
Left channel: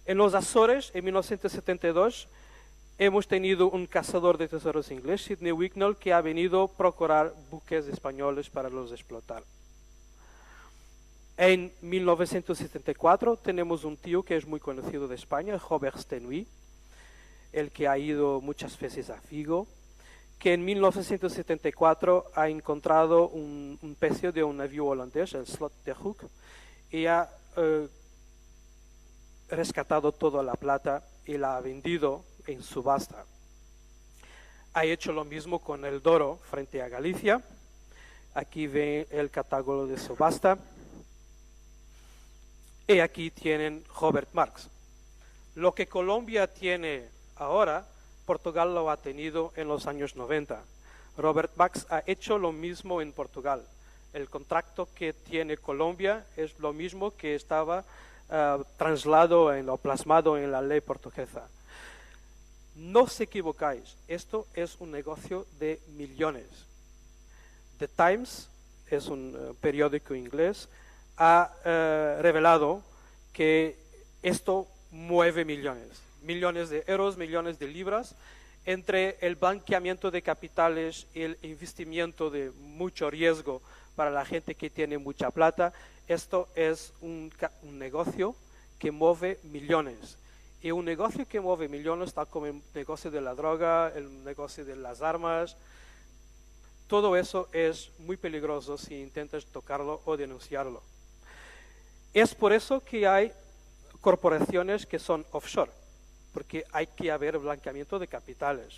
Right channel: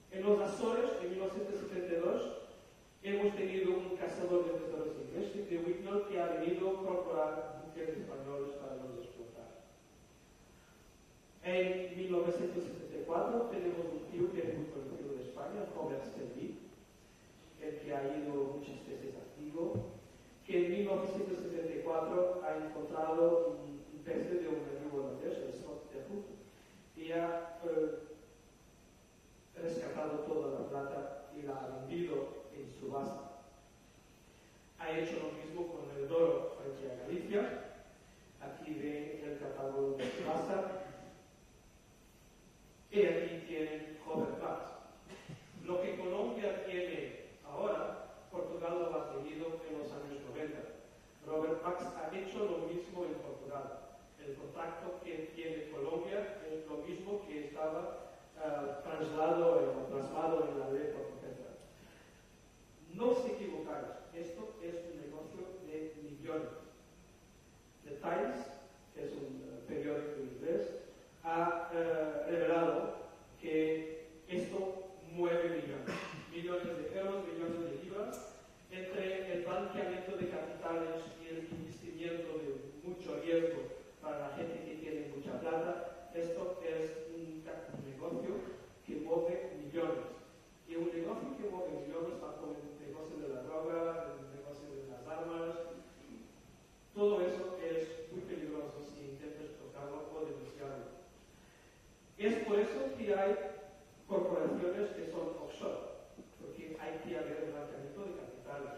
En los Azores, en 1972, hemos tenido un cazador de tesoros inglés, Sidney Wignall, que ha venido a procurar buques españoles para los explotar. En 1974 tenemos un tío que es muy conocido de España, Robert Stenoy, el que ha ido muchas veces a Vigo, que en 1974 ha encontrado un pecio de un navío holandés, el Slot de Hoek, y ha rescatado toda la plata y la ha vendido en subasta. Ha hecho lo mismo con el Douro frente a Galicia. Aquí ven el catálogo de subasta. Y aquí tienen Robert Marx. Lo que Colombia tiene ahora, Portugal lo ha tenido en los años 90. Robert Marx ha hecho lo mismo en Portugal. El contrato que tiene Colombia es lo mismo que estaba trasladado o plasmado en la ley portuguesa. No os equivocáis, esto es un negocio de millones. The Times, es un periódico inglés, ha revelado que esto mueve millones de euros, millones de libras, entre el blanqueamiento de capitales y el investimiento de mucho riesgo para la gente que tiene mucha plata. Esto es un negocio que mueve millones. Y un negocio que mueve millones, tal como el negocio de la droga, el negocio de las armas, todo eso es muy peligroso si intentas tocarlo o denunciarlo. Es por eso que hay corporaciones que son offshore, porque hay que haber blanqueamiento de capitales.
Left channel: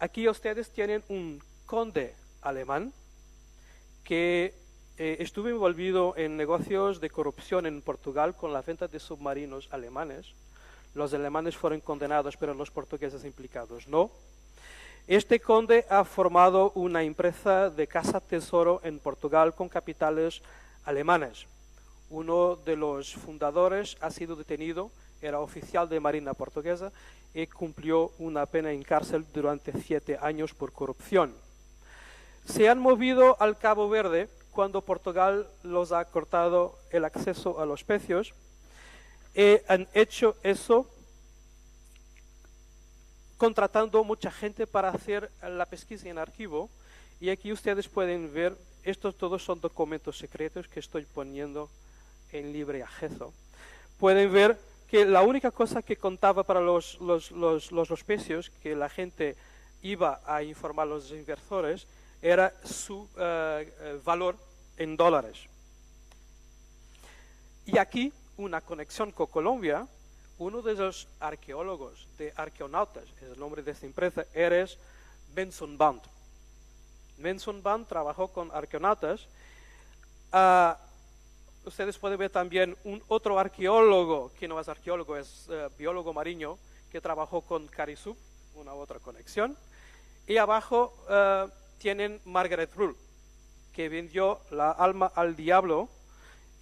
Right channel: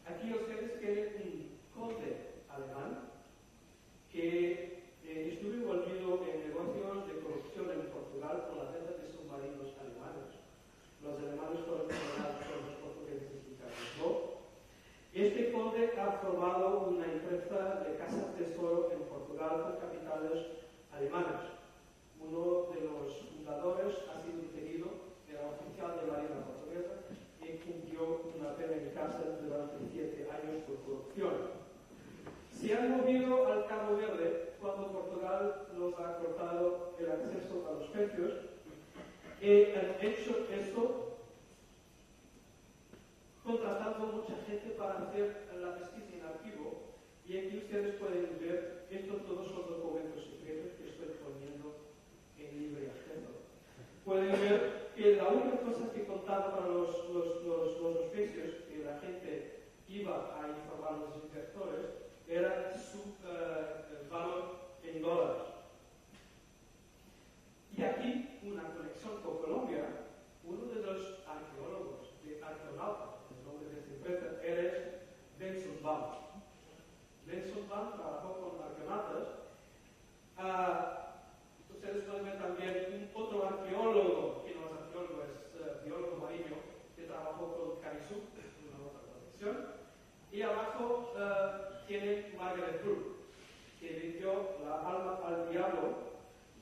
Aquí ustedes tienen un conde alemán que estuve envolvido en negocios de corrupción en Portugal con la venta de submarinos alemanes. Los alemanes fueron condenados, pero los portugueses implicados no. Este conde ha formado una empresa de caza tesoro en Portugal con capitales alemanes. Uno de los fundadores ha sido detenido, era oficial de Marina portuguesa y cumplió una pena en cárcel durante 7 años por corrupción. Se han movido al Cabo Verde cuando Portugal los ha cortado el acceso a los pecios y han hecho eso contratando mucha gente para hacer la pesquisa en archivo. Y aquí ustedes pueden ver, estos todos son documentos secretos que estoy poniendo en libre acceso. Pueden ver que la única cosa que contaba para los pecios, que la gente iba a informar a los inversores, era su valor en dólares. Y aquí una conexión con Colombia. Uno de los arqueólogos, de arqueonautas, es el nombre de esta empresa, es Benson Band. Benson Band trabajó con arqueonautas. Ustedes pueden ver también otro arqueólogo, que no es arqueólogo, es biólogo marino, que trabajó con Carisú, una otra conexión. Y abajo tienen Margaret Rule, que vendió la alma al diablo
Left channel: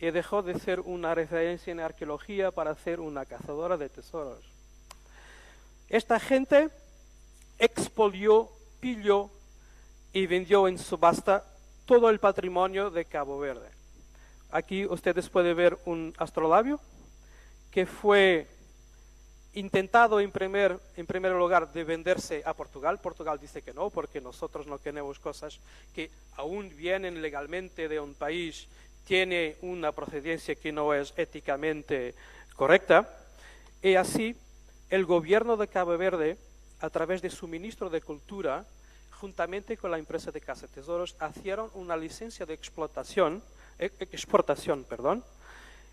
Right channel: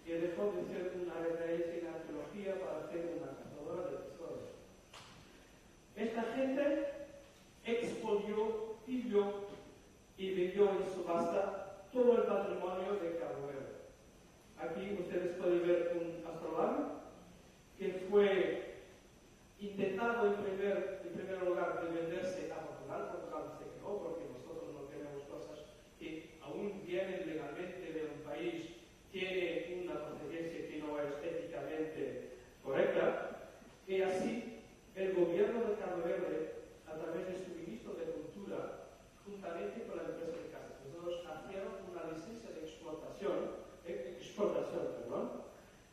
y dejó de ser una referencia en arqueología para ser una cazadora de tesoros. Esta gente expolió, pilló y vendió en subasta todo el patrimonio de Cabo Verde. Aquí ustedes pueden ver un astrolabio que fue intentado en primer lugar de venderse a Portugal. Portugal dice que no, porque nosotros no tenemos cosas que aún vienen legalmente de un país, tiene una procedencia que no es éticamente correcta. Y así el gobierno de Cabo Verde, a través de su ministro de Cultura, juntamente con la empresa de Casa Tesoros, hicieron una licencia de exportación,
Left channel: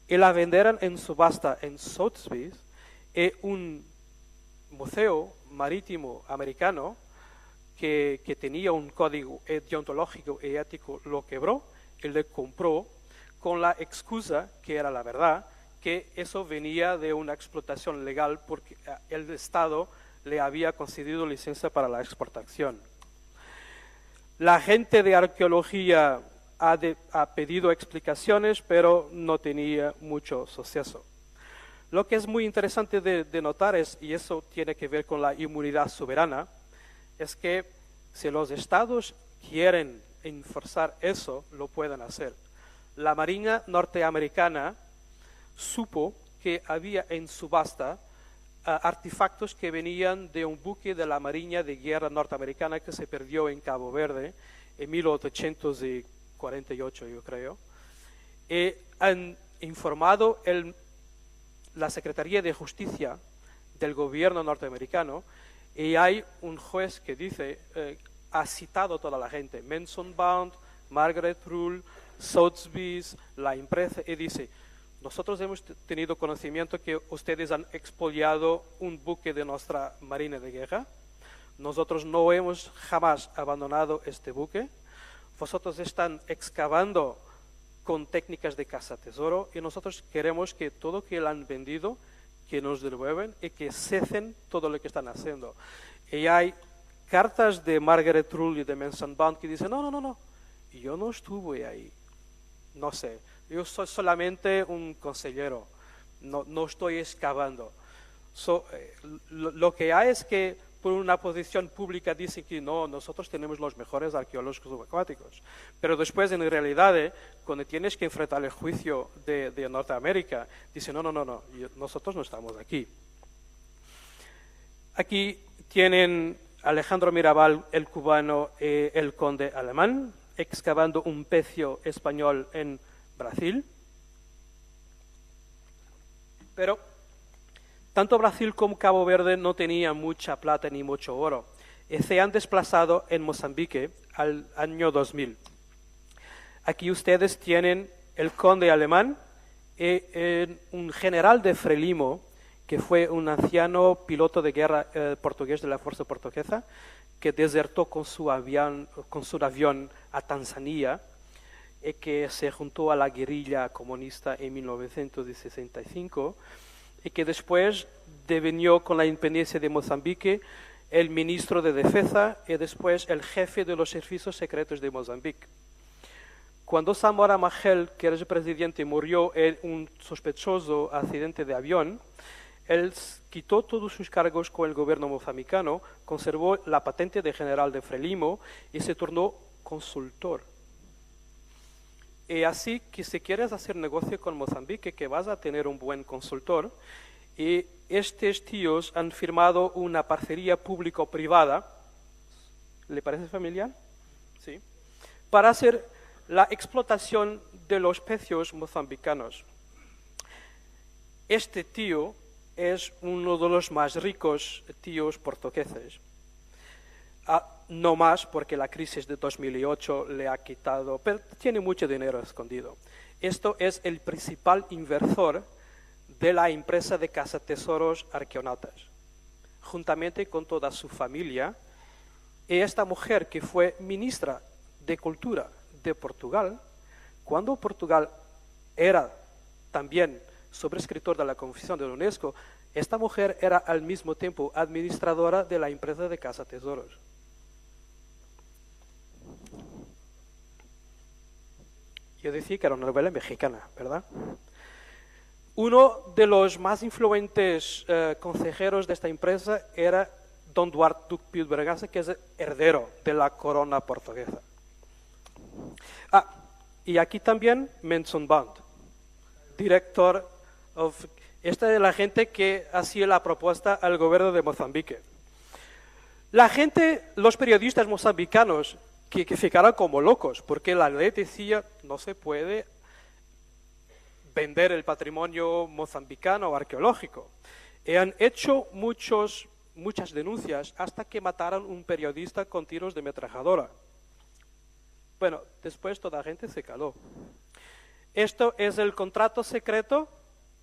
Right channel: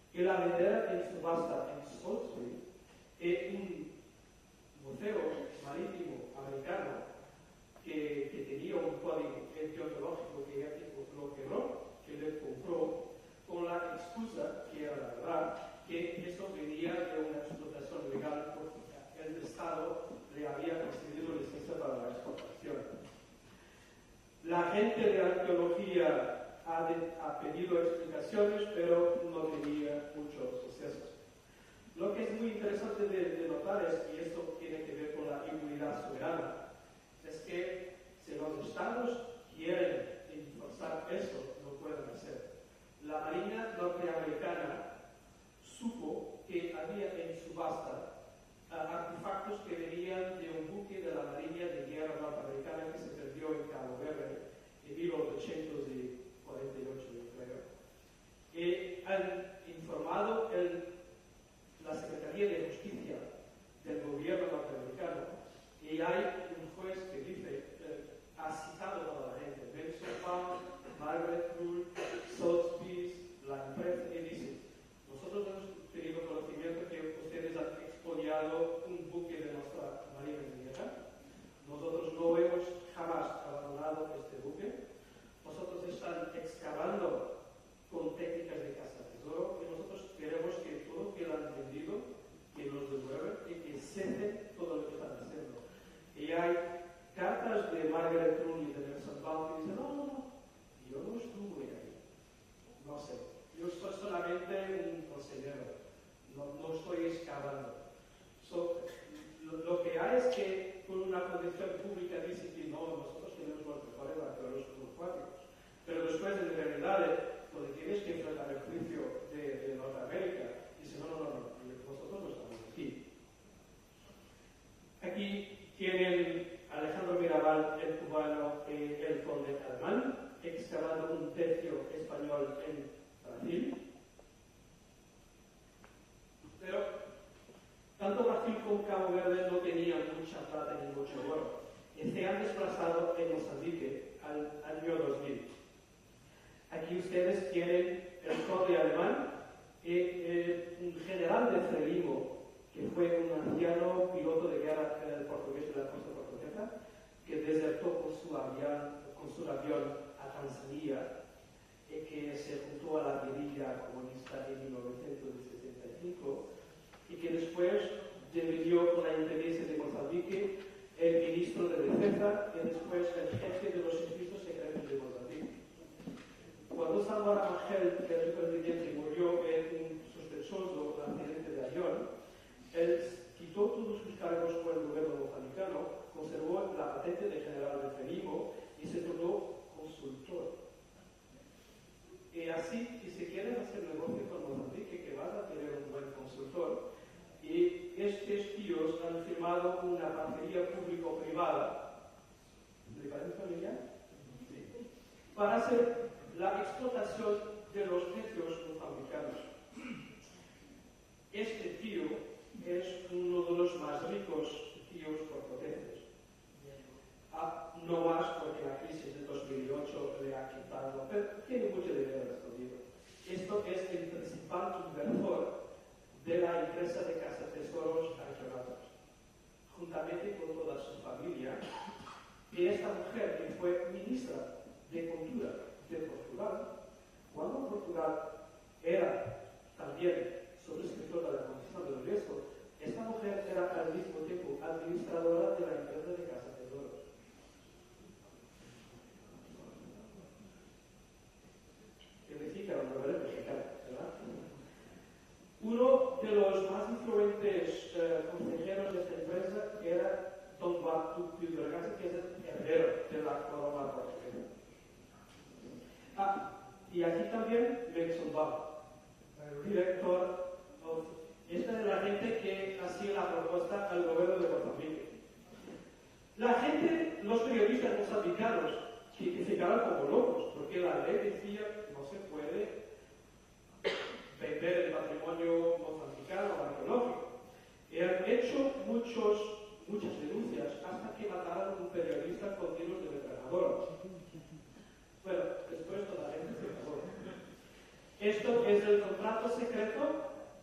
y la vendieron en subasta en Sotheby's, y un museo marítimo americano que tenía un código deontológico y ético lo quebró y le compró con la excusa, que era la verdad, que eso venía de una explotación legal porque el Estado le había concedido licencia para la exportación. La gente de arqueología ha pedido explicaciones, pero no tenía mucho suceso. Lo que es muy interesante de notar y eso tiene que ver con la inmunidad soberana, es que si los estados quieren enforzar eso, lo pueden hacer. La Marina norteamericana supo que había en subasta artefactos que venían de un buque de la Marina de Guerra norteamericana que se perdió en Cabo Verde en 1848, yo creo. Y han informado la Secretaría de Justicia del gobierno norteamericano, y hay un juez que dice, ha citado a toda la gente, Mensonbund, Margaret Rule, Sotheby's, la empresa, y dice, nosotros hemos tenido conocimiento que ustedes han expoliado un buque de nuestra Marina de Guerra, nosotros no hemos jamás abandonado este buque, vosotros están excavando con técnicas de caza-tesoro y nosotros queremos que todo lo que le han vendido, que nos devuelvan y que cesen todo lo que están haciendo. Y hay cartas de Margaret Rule y de Mensonbund que dicen, no, yo no estuve ahí, no sé, yo soy solamente un consejero, no estoy excavando. Lo que hay es que por una posición pública dicen que no, nosotros tenemos los mejores arqueólogos subacuáticos. Pero después, en realidad, cuando tienes que enfrentar el juicio de Norteamérica, dicen, no, nosotros no estamos aquí. Aquí tienen Alejandro Mirabal, el cubano, el conde alemán, excavando un pecio español en Brasil. Pero tanto Brasil como Cabo Verde no tenían mucha plata ni mucho oro. Y se han desplazado en Mozambique al año 2000. Aquí ustedes tienen el conde alemán y un general de Frelimo, que fue un anciano piloto de guerra portugués de la Fuerza Portuguesa, que desertó con su avión a Tanzania y que se juntó a la guerrilla comunista en 1965 y que después devenió con la independencia de Mozambique el ministro de Defensa y después el jefe de los servicios secretos de Mozambique. Cuando Samora Machel, que era el presidente, murió en un sospechoso accidente de avión, él quitó todos sus cargos con el gobierno mozambicano, conservó la patente de general de Frelimo y se tornó consultor. Y así que si quieres hacer negocio con Mozambique, que vas a tener un buen consultor, y estos tíos han firmado una parcería público-privada, ¿le parece familiar? Sí. Para hacer la explotación de los pecios mozambicanos. Este tío es uno de los más ricos tíos portugueses. No más porque la crisis de 2008 le ha quitado, pero tiene mucho dinero escondido. Esto es el principal inversor de la empresa de cazatesoros Arqueonautas, juntamente con toda su familia. Y esta mujer, que fue ministra de Cultura de Portugal, cuando Portugal era también sobrescritor de la Convención de la UNESCO, esta mujer era al mismo tiempo administradora de la empresa de cazatesoros. Yo decía que era una novela mexicana, ¿verdad? Uno de los más influyentes consejeros de esta empresa era don Duarte Duque Bergasa, que es el heredero de la corona portuguesa. Y aquí también Mensonbund, director Esta es la gente que hacía la propuesta al gobierno de Mozambique. La gente, los periodistas mozambicanos, que ficaron como locos, porque la ley decía no se puede vender el patrimonio mozambicano arqueológico. Y han hecho muchas denuncias hasta que mataron un periodista con tiros de ametralladora. Bueno, después toda la gente se caló. Esto es el contrato secreto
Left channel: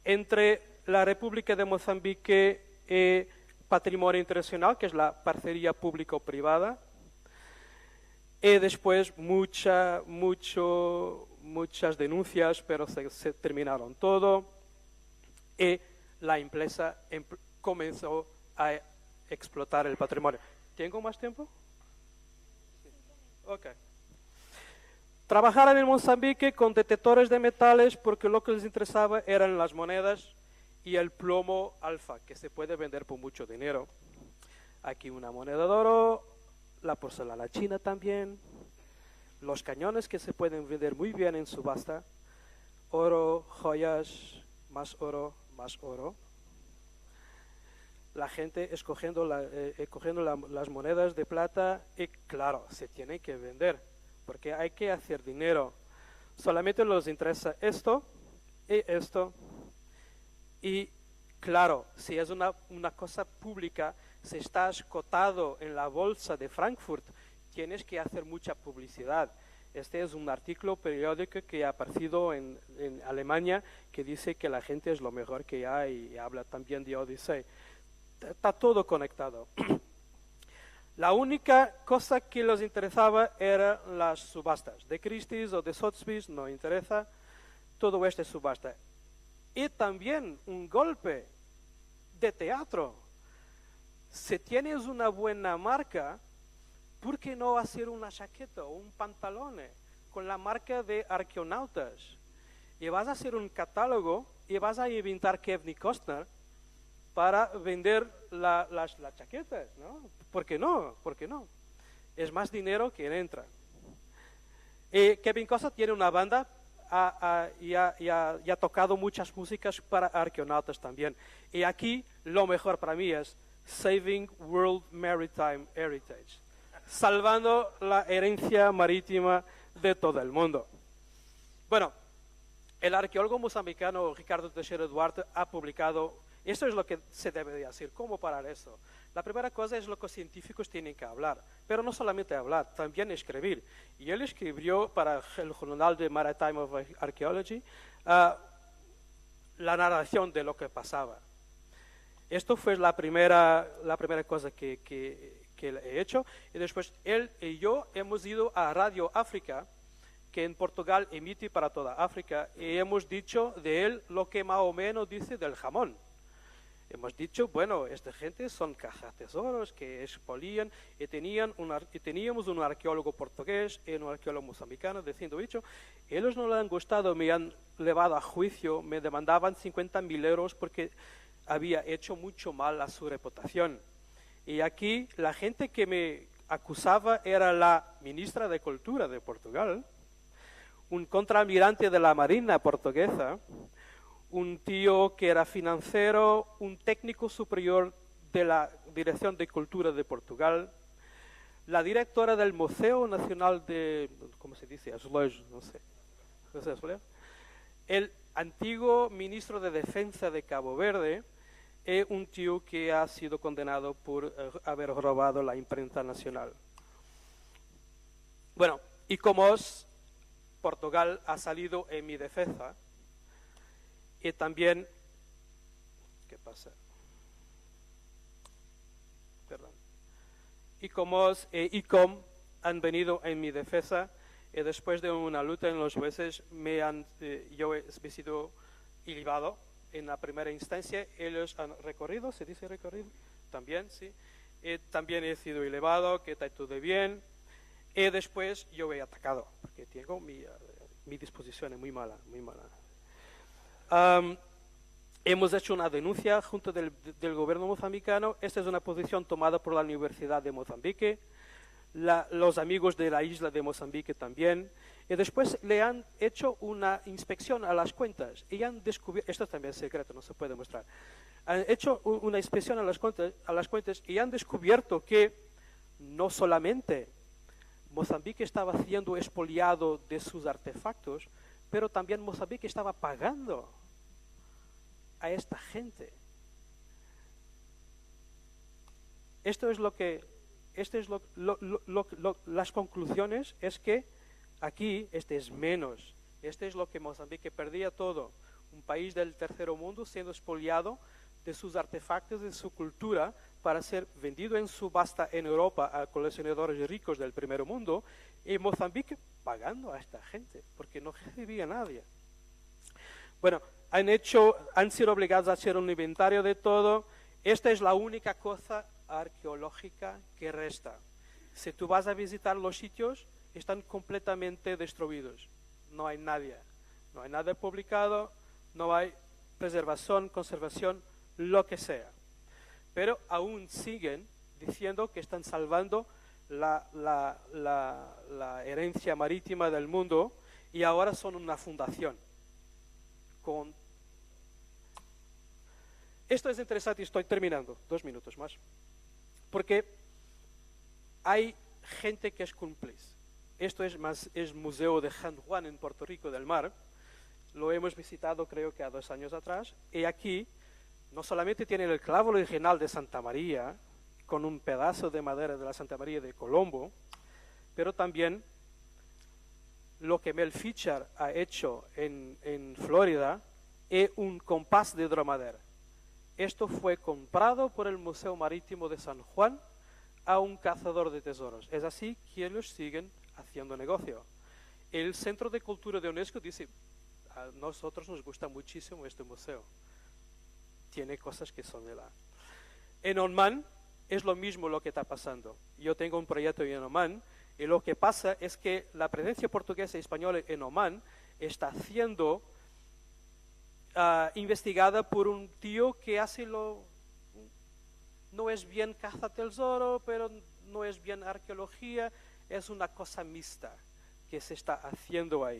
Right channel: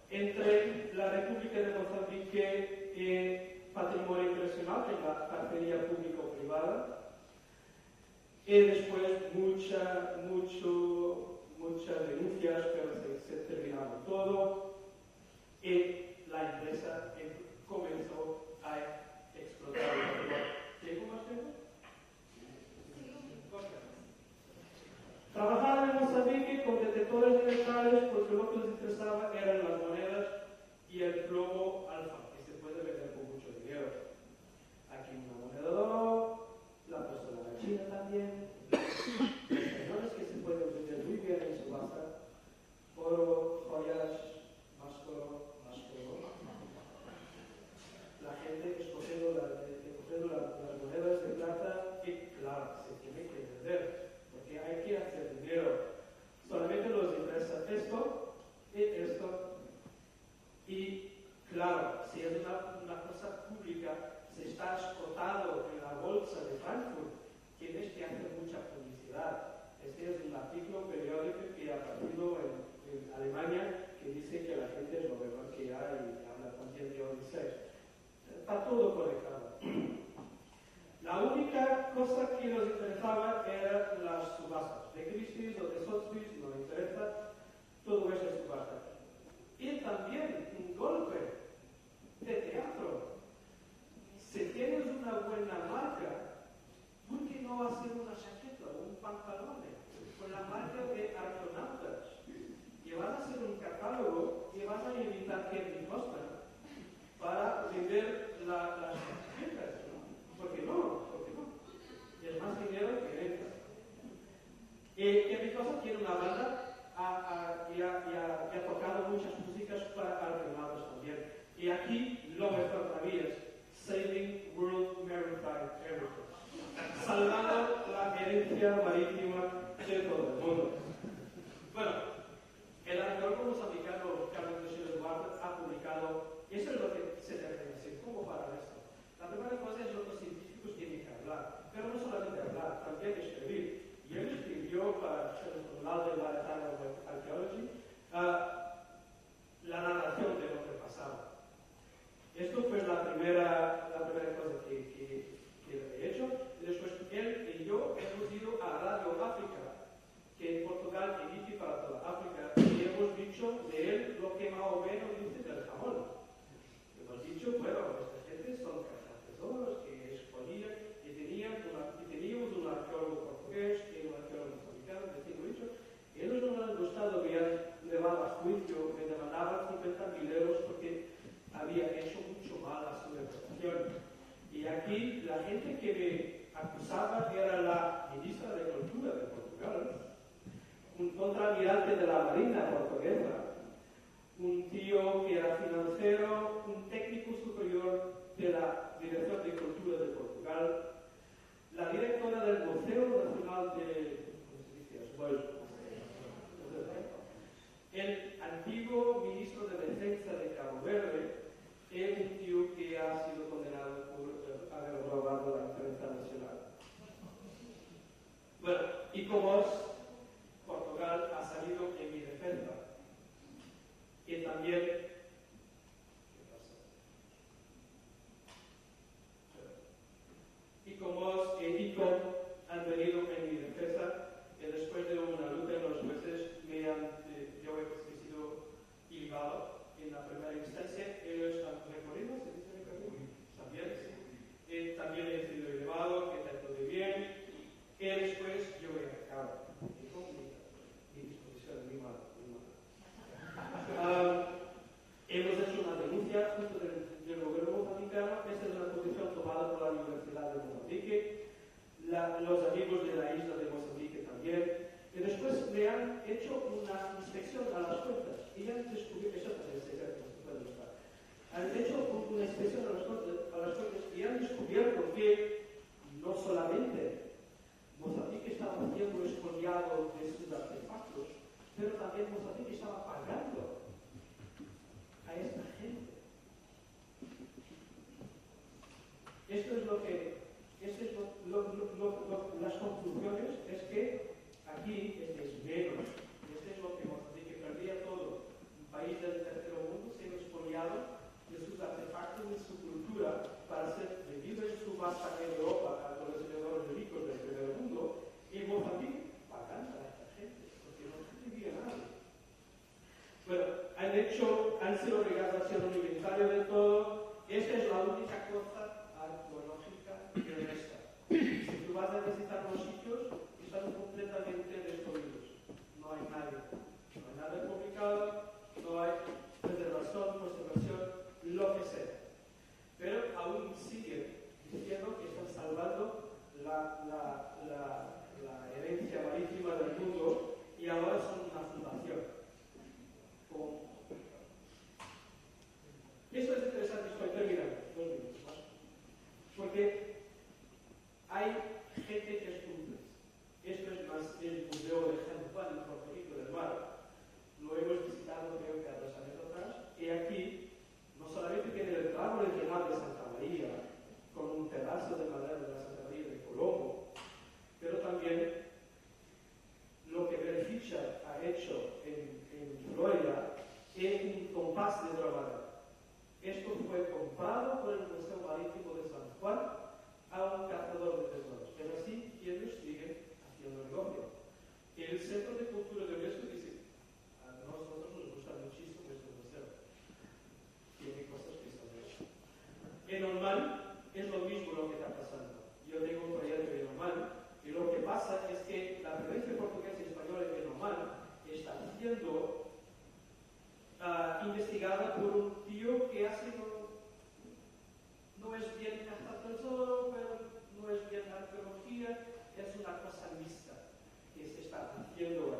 entre la República de Mozambique y Patrimonio Internacional, que es la parcería público-privada, y después muchas denuncias, pero se terminaron todo, y la empresa comenzó a explotar el patrimonio. ¿Tengo más tiempo? Ok. Trabajaron en Mozambique con detectores de metales porque lo que les interesaba eran las monedas y el plomo alfa, que se puede vender por mucho dinero. Aquí una moneda de oro, la porcelana china también, los cañones que se pueden vender muy bien en subasta, oro, joyas, más oro, más oro. La gente escogiendo las monedas de plata y claro, se tienen que vender. Porque hay que hacer dinero. Solamente les interesa esto y esto. Y claro, si es una cosa pública, si estás cotado en la bolsa de Frankfurt, tienes que hacer mucha publicidad. Este es un artículo periódico que ha aparecido en Alemania que dice que la gente es lo mejor que hay y habla también de Odyssey. Está todo conectado. La única cosa que les interesaba eran las subastas. De Christie's o de Sotheby's no interesa, todo esto es subasta. Y también un golpe de teatro. Si tienes una buena marca, ¿por qué no hacer una chaqueta o un pantalón con la marca de Arqueonautas? Y vas a hacer un catálogo y vas a inventar Kevin Costner para vender las chaquetas, ¿no? ¿Por qué no? ¿Por qué no? Es más dinero que entra. Kevin Costner tiene una banda y ha tocado muchas músicas para Arqueonautas también. Y aquí lo mejor para mí es Saving World Maritime Heritage, salvando la herencia marítima de todo el mundo. Bueno, el arqueólogo mozambicano Ricardo Teixeira Duarte ha publicado, esto es lo que se debe de hacer, ¿cómo parar esto? La primera cosa es lo que los científicos tienen que hablar, pero no solamente hablar, también escribir. Y él escribió para el Journal de Maritime of Archaeology la narración de lo que pasaba. Esto fue la primera cosa que he hecho. Y después él y yo hemos ido a Radio África, que en Portugal emite para toda África, y hemos dicho de él lo que más o menos dice del jamón. Hemos dicho, bueno, esta gente son cazatesoros que expolian y teníamos un arqueólogo portugués y un arqueólogo mozambicano diciendo, ellos no les han gustado, me han llevado a juicio, me demandaban 50.000 euros porque había hecho mucho mal a su reputación. Y aquí la gente que me acusaba era la ministra de Cultura de Portugal, un contraalmirante de la Marina portuguesa, un tío que era financiero, un técnico superior de la Dirección de Cultura de Portugal, la directora del Museo Nacional de, ¿cómo se dice? Azulejos, no sé, el antiguo ministro de Defensa de Cabo Verde y un tío que ha sido condenado por haber robado la imprenta nacional. Bueno, y como Portugal ha salido en mi defensa, y también, ¿qué pasa? Perdón. Y como ICOM han venido en mi defensa y después de una lucha en los jueces yo he sido ilibado en la primera instancia. Ellos han recorrido, ¿se dice recorrido? También, sí. Y también he sido elevado, que está todo bien. Y después yo he atacado, porque digo, mi disposición es muy mala, muy mala. Hemos hecho una denuncia junto del gobierno mozambicano. Esta es una posición tomada por la Universidad de Mozambique. los amigos de la isla de Mozambique también, y después le han hecho una inspección a las cuentas y han descubierto, esto también es secreto, no se puede mostrar, han hecho una inspección a las cuentas y han descubierto que no solamente Mozambique estaba siendo expoliado de sus artefactos, pero también Mozambique estaba pagando a esta gente. Las conclusiones es que aquí este es menos. Este es lo que Mozambique perdía todo. Un país del tercer mundo siendo expoliado de sus artefactos, de su cultura, para ser vendido en subasta en Europa a coleccionadores ricos del primer mundo, y Mozambique pagando a esta gente, porque no recibía nadie. Bueno, han sido obligados a hacer un inventario de todo. Esta es la única cosa arqueológica que resta. Si tú vas a visitar los sitios, están completamente destruidos. No hay nadie. No hay nada publicado, no hay preservación, conservación, lo que sea. Pero aún siguen diciendo que están salvando la herencia marítima del mundo, y ahora son una fundación. Esto es interesante, estoy terminando, 2 minutos más. Porque hay gente que es cómplice. Esto es Museo de San Juan en Puerto Rico del Mar. Lo hemos visitado creo que a 2 años atrás. Y aquí no solamente tienen el clavo original de Santa María, con un pedazo de madera de la Santa María de Colombo, pero también lo que Mel Fisher ha hecho en Florida es un compás de dromadero. Esto fue comprado por el Museo Marítimo de San Juan a un cazador de tesoros. Es así que ellos siguen haciendo negocio. El Centro de Cultura de UNESCO dice, a nosotros nos gusta muchísimo este museo. Tiene cosas que son de la... En Oman es lo mismo lo que está pasando. Yo tengo un proyecto en Oman y lo que pasa es que la presencia portuguesa y española en Oman está siendo investigada por un tío que hace no es bien caza tesoro, pero no es bien arqueología, es una cosa mixta que se está haciendo ahí.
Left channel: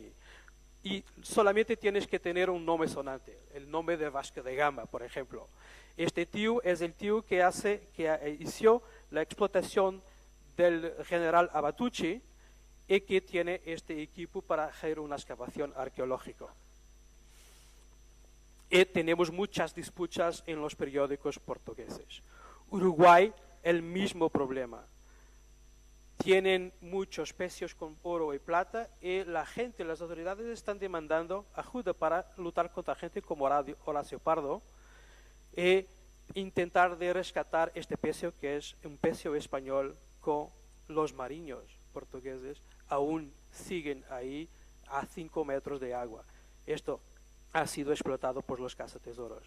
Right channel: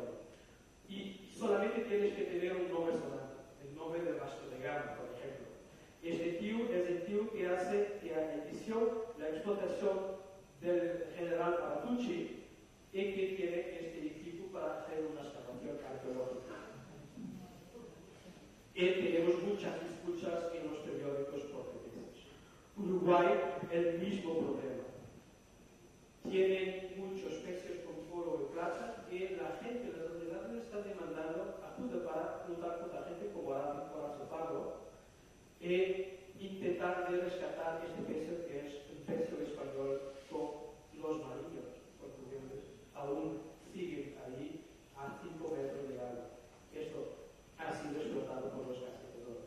Y solamente tienes que tener un nombre sonante, el nombre de Vasco de Gama, por ejemplo. Este tío es el tío que inició la explotación del general Abatucci y que tiene este equipo para hacer una excavación arqueológica. Y tenemos muchas disputas en los periódicos portugueses. Uruguay, el mismo problema. Tienen muchos pecios con oro y plata y la gente, las autoridades están demandando ayuda para luchar contra gente como Horacio Pardo e intentar de rescatar este pecio que es un pecio español con los marinos portugueses aún siguen ahí a 5 metros de agua. Esto ha sido explotado por los cazatesoros.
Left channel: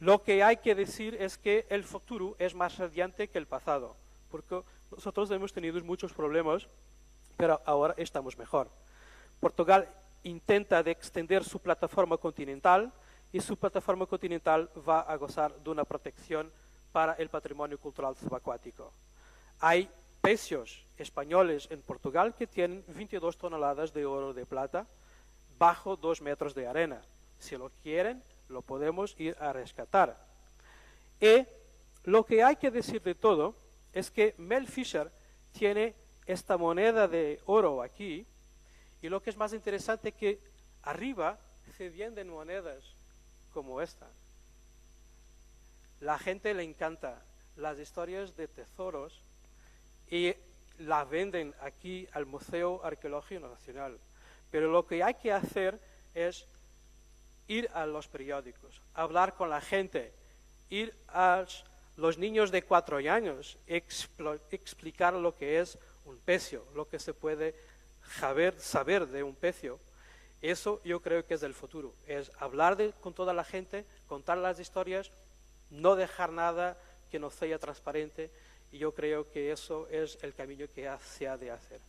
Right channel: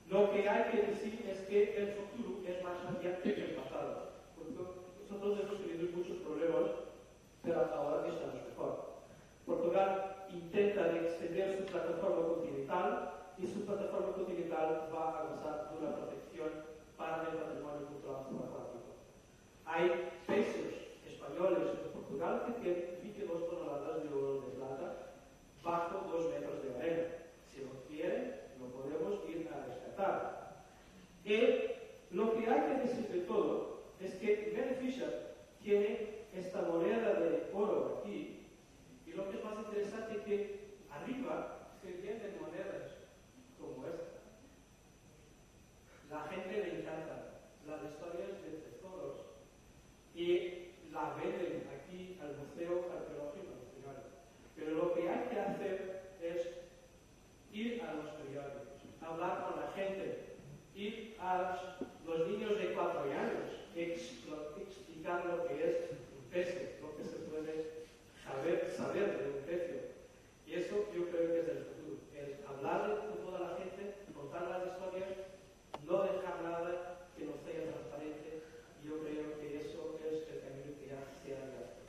Lo que hay que decir es que el futuro es más radiante que el pasado, porque nosotros hemos tenido muchos problemas, pero ahora estamos mejor. Portugal intenta de extender su plataforma continental y su plataforma continental va a gozar de una protección para el patrimonio cultural subacuático. Hay pecios españoles en Portugal que tienen 22 toneladas de oro de plata bajo 2 metros de arena. Si lo quieren, lo podemos ir a rescatar. Y lo que hay que decir de todo es que Mel Fisher tiene esta moneda de oro aquí, y lo que es más interesante es que arriba se venden monedas como esta. La gente le encanta las historias de tesoros y la venden aquí al Museo Arqueológico Nacional. Pero lo que hay que hacer es ir a los periódicos, hablar con la gente, ir a los niños de 4 años, explicar lo que es un pecio, lo que se puede saber de un pecio. Eso yo creo que es el futuro, es hablar con toda la gente, contar las historias, no dejar nada que no sea transparente, y yo creo que eso es el camino que se ha de hacer.